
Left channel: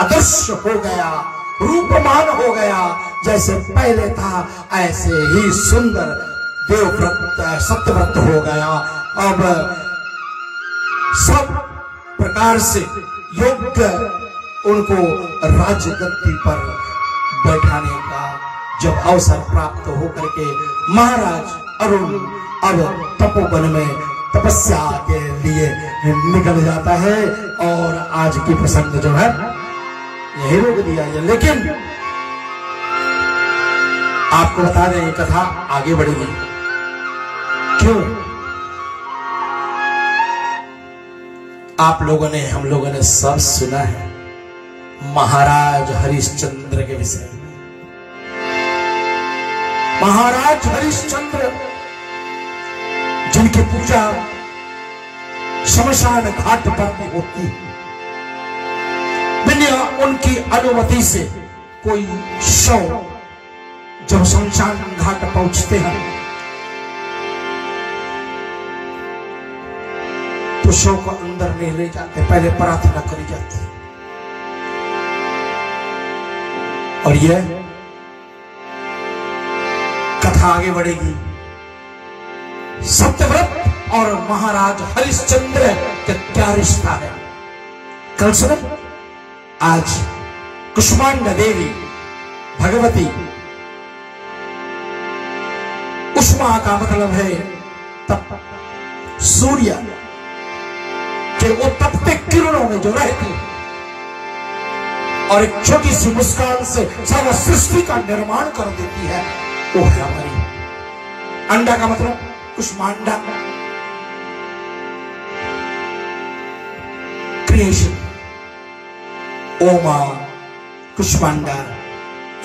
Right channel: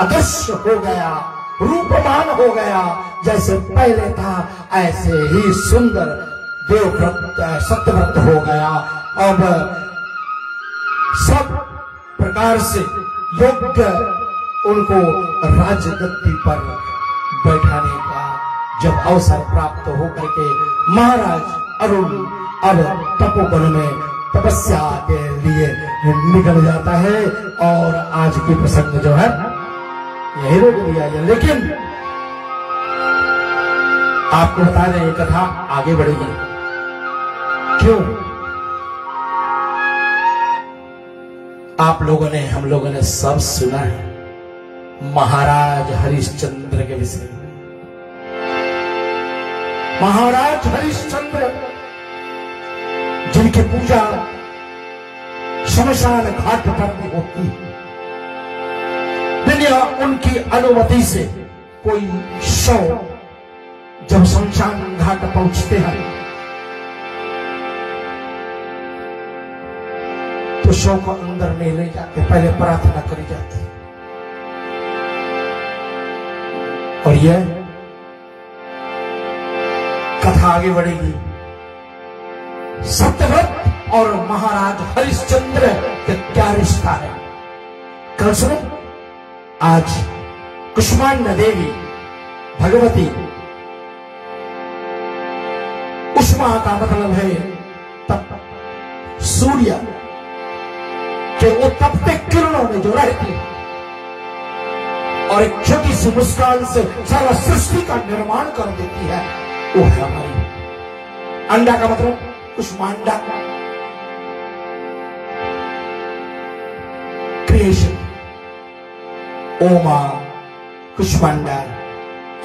अदृश्य हो गया, रूपमान हो गया। जैसे पहले था ऐसे ही सुंदर देवव्रत सत्यव्रत हो गया। अब सब प्रकार से योग्य उनको राजगद्दी पर बैठाने का जब अवसर प्राप्त होकर के महाराज अरुण अब तपोवन में तपस्या के लिए निकल जाता है और आज की प्रसंग जो है यही रोक दिया है। लेकिन आपको बता दें ये कथा आगे बढ़ेगी। क्यों? आप लोगों ने, हम लोगों ने सब सुना है महाराज हरिश्चंद्र के विषय में। महाराज हरिश्चंद्र जिनकी पूजा शमशान घाट पर भी होती है, बिना उनकी अनुमति से कोई शव जब शमशान घाट पहुंचते हैं तो शव को अंदर नहीं ले जाते, पहले प्रार्थना करी जाती है। और यह कथा आगे बढ़ेगी। सत्यव्रत और महाराज हरिश्चंद्र का क्या रिश्ता है, कल सुनो। आज कुष्मांडा देवी भगवती, उष्मा का मतलब है तप, सूर्य के वो तपते किरणों में जो रहती है और एक छोटी सी मुस्कान से सारा सृष्टि का निर्माण कर देती है, वो है हमारी अंडा का मतलब कुष्मांडा, क्रिएशन। ओमा कुष्मांडा,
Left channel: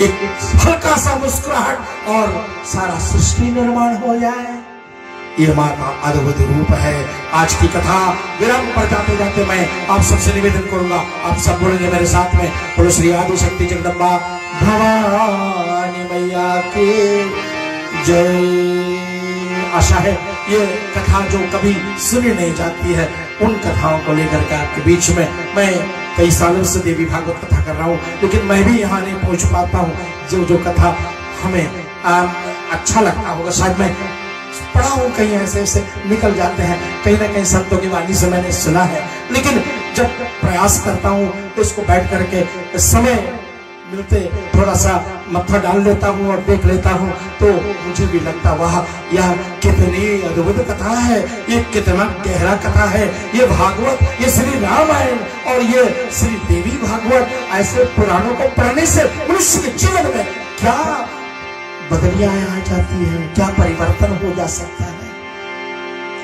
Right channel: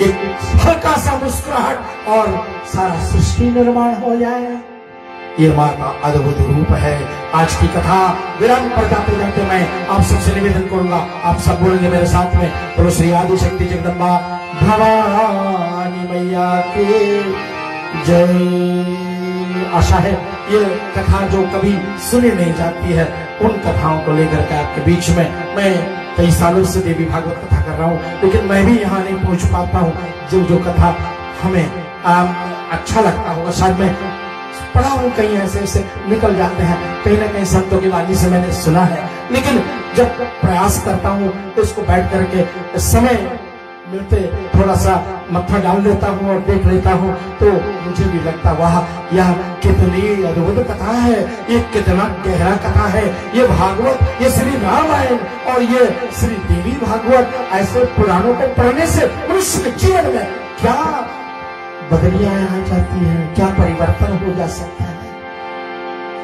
एक हल्का सा मुस्कुराहट और सारा सृष्टि निर्माण हो जाए, ये मां का अद्भुत रूप है। आज की कथा विराम पर जाते जाते मैं आप सबसे निवेदन करूंगा, आप सब बोलेंगे मेरे साथ में, बोलो श्री आदि शक्ति जगदम्बा भवानी मैया की जय। आशा है ये कथा जो कभी सुनी नहीं जाती है, उन कथाओं को लेकर के आपके बीच में मैं कई सालों से देवी भागवत कथा कर रहा हूँ, लेकिन मैं भी यहाँ नहीं पहुंच पाता हूँ। जो कथा हमें अच्छा लगता होगा, शायद मैं पढ़ा हूँ, कहीं ऐसे ऐसे निकल जाते हैं, कहीं ना कहीं शब्दों की वाणी से मैंने सुना है, लेकिन जब प्रयास करता हूँ तो इसको बैठ करके समय मिलते थोड़ा सा मत्था डाल लेता हूँ और देख लेता हूँ तो मुझे भी लगता वाह, यह कितनी अद्भुत कथा है, ये कितना गहरा कथा है। ये भागवत, ये श्री रामायण और ये श्री देवी भागवत, ऐसे पुराणों को पढ़ने से मनुष्य के जीवन में क्या बदलियां आ जाती है, क्या परिवर्तन हो जा सकता है।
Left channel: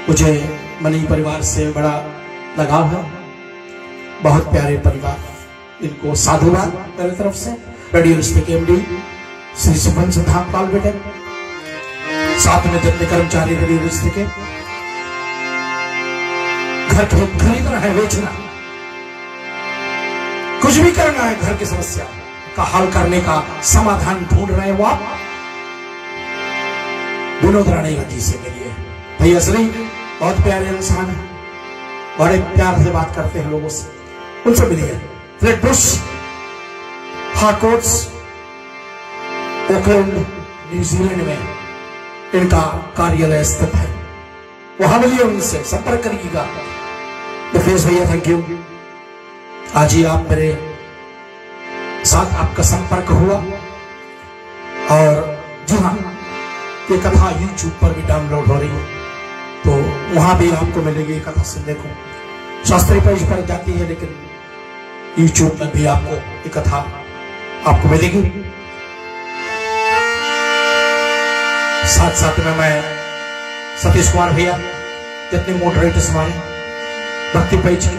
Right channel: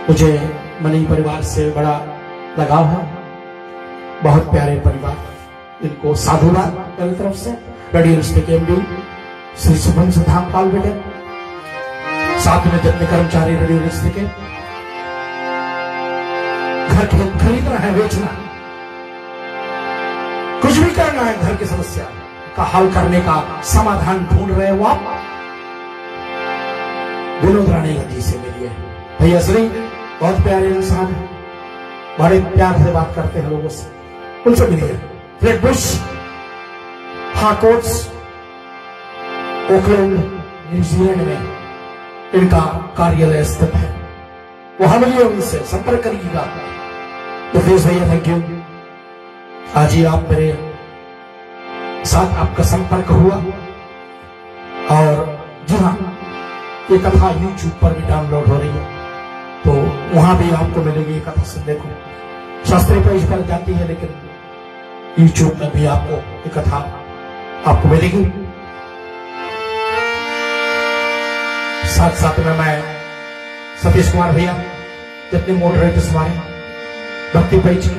मुझे मनी परिवार से बड़ा लगाव है, बहुत प्यारे परिवार, इनको साधुवाद मेरी तरफ से। रेडियो स्टेक एमडी श्री सुभन सिद्धांत पाल बेटे, साथ में जितने कर्मचारी रेडियो स्टेक के, घर खरीदना है, बेचना, कुछ भी करना है, घर की समस्या का हल करने का समाधान ढूंढ रहे हो आप, विनोद राणेगा जी से मिलिए। भैया श्री बहुत प्यारे इंसान है, बड़े प्यार से बात करते हैं लोगों से, उनसे मिलिए। फ्लेटबुश हार्कोर्ट्स ओकलैंड न्यूजीलैंड में इनका कार्यालय स्थित है, वहां मिलिए, उनसे संपर्क करिएगा। मुकेश भैया थैंक यू, आज ही आप मेरे साथ आपका संपर्क हुआ। और जी हाँ, ये कथा यूट्यूब पर भी डाउनलोड हो रही है, तो वहां भी आपको मिलेगी ये कथा सुनने को। शास्त्रीय पेज पर जाती है, लेकिन यूट्यूब में भी आपको ये कथा आपको मिलेगी। साथ साथ में मैं सतीश कुमार भैया, जितने मॉडरेटर्स हमारे भक्ति पेज की,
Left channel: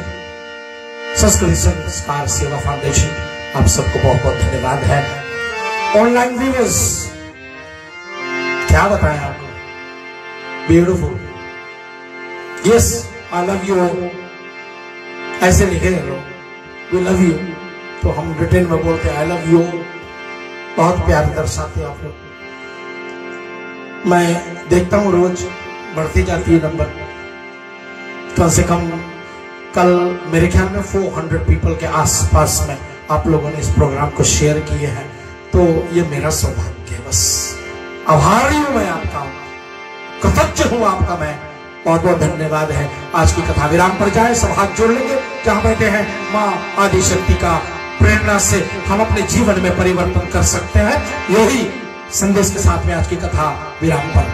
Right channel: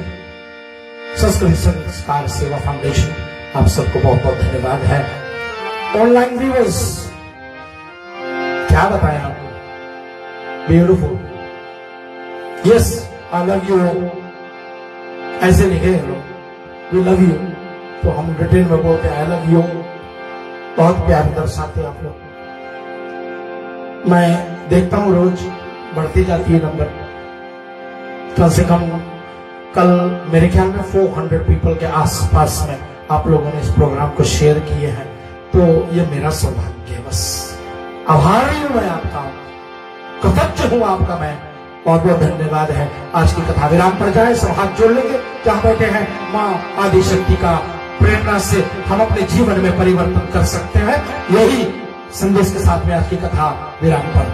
संस्कृति संस्कार सेवा फाउंडेशन, आप सबको बहुत बहुत धन्यवाद है। ऑनलाइन व्यूअर्स, क्या बताएं आपको, beautiful, yes I love you, ऐसे लिखे हैं लोग, वी लव यू, तो हम रिटेल में बोलते हैं आई लव यू, बहुत प्यार दर्शाते हैं आप लोग। मैं देखता हूँ रोज बढ़ती जाती है नंबर, कम से कम कल मेरे ख्याल में 400 पीपल के आसपास में आप लोगों ने इस प्रोग्राम को शेयर किए हैं, तो ये मेरा सौभाग्य है, बस आभारी हूं मैं आपका, कृतज्ञ हूं आपका, मैं बहुत बहुत धन्यवाद है। आज की कथा विराम पर जाए, सब हाथ जोड़ लेंगे जहां बैठे हैं। मां आदिशक्ति का प्रेरणा से हम अपने जीवन में परिवर्तन कर सकते हैं, यही संदेश के साथ में आज की कथा विराम पर।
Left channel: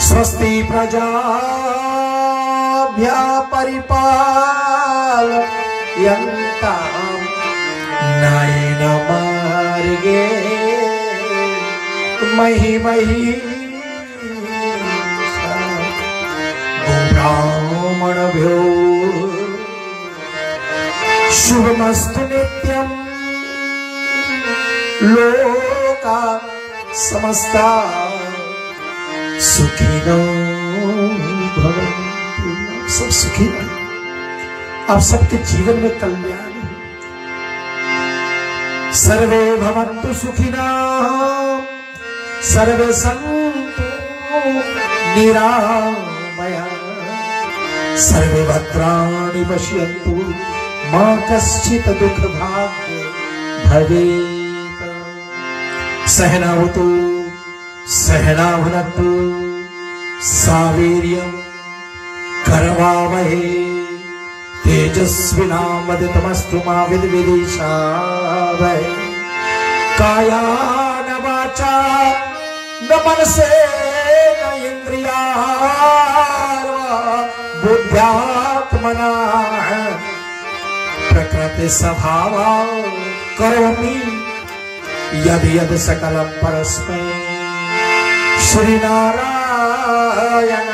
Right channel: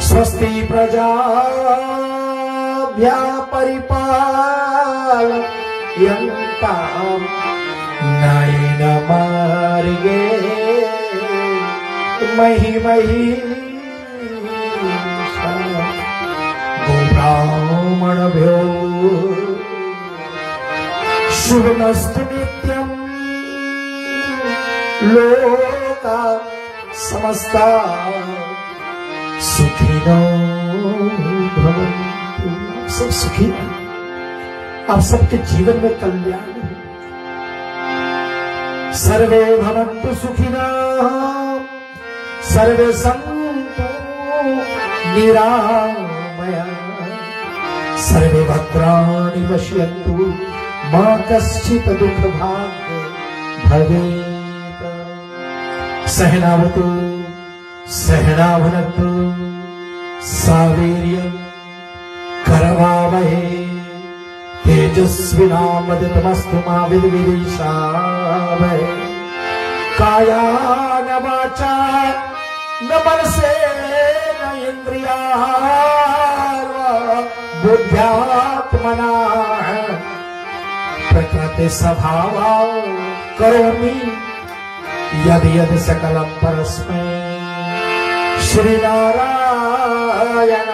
स्वस्ति प्रजाभ्यः परिपालयन्ताम् नयेन मार्गे महिमहीषा गोब्राह्मणभ्यो शुभमस्तु नित्यम् लोका समस्ता सुखिनो भवन्तु। सब सुखी रहो, आप सबके जीवन में कल्याण हो। सर्वे भवन्तु सुखिनः, सर्वे सन्तु निरामयाः, सर्वे भद्राणि पश्यन्तु, मा कश्चित् दुःखभाग् भवेत्। सहनावतु सहनावनतु सावीर्यं करवावहै, तेजस्विनावधीतमस्तु मा विद्विषावहै। कायान वाचा न मनसेन इन्द्रियार्वा बुद्ध्यात्मना प्रकृति स्वभावा करोमि यदि यद सकलं परस्मै श्री नारायण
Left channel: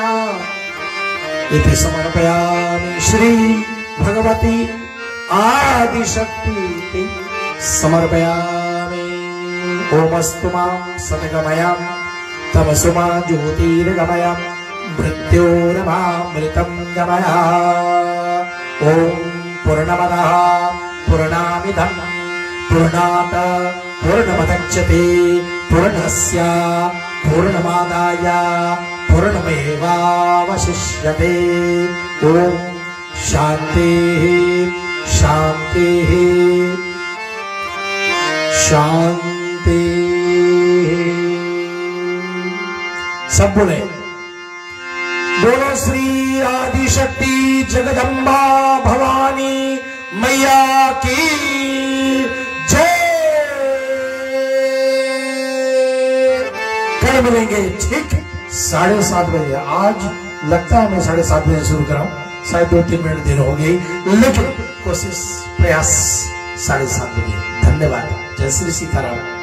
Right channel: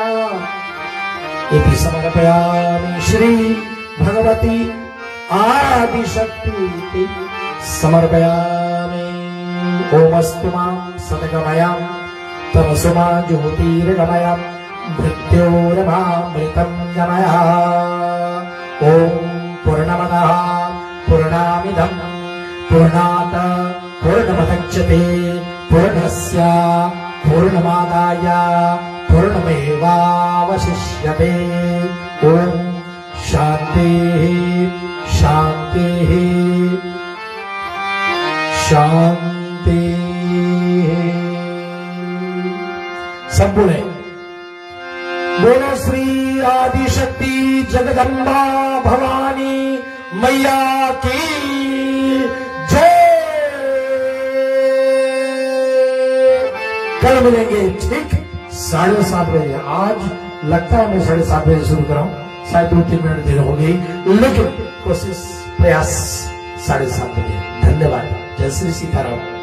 इति समर्पयामि। श्री भगवती आदिशक्ति समर्पयामि। ओमस्तु मां सद्गमयं तमसु मां ज्योतिर्गमयं मृत्योरमामृतं गमय। ओम पूर्णमदः पूर्णमिदं पूर्णात् पूर्णमुदच्यते पूर्णस्य पूर्णमादाय पूर्णमेवावशिष्यते। ओम शांति शांति शांति। सब बोले बोलो श्री आदिशक्ति जगदम्बा भवानी मैया की जय। कल मिलेंगे ठीक 7:30 बजे। आज लगता है मैं 7:30 बजे शुरू कर रहा हूं, शायद 2-3 मिनट देर हो गई, लेकिन कोशिश प्रयास 7:30 बजे। धन्यवाद। जय श्री सीताराम।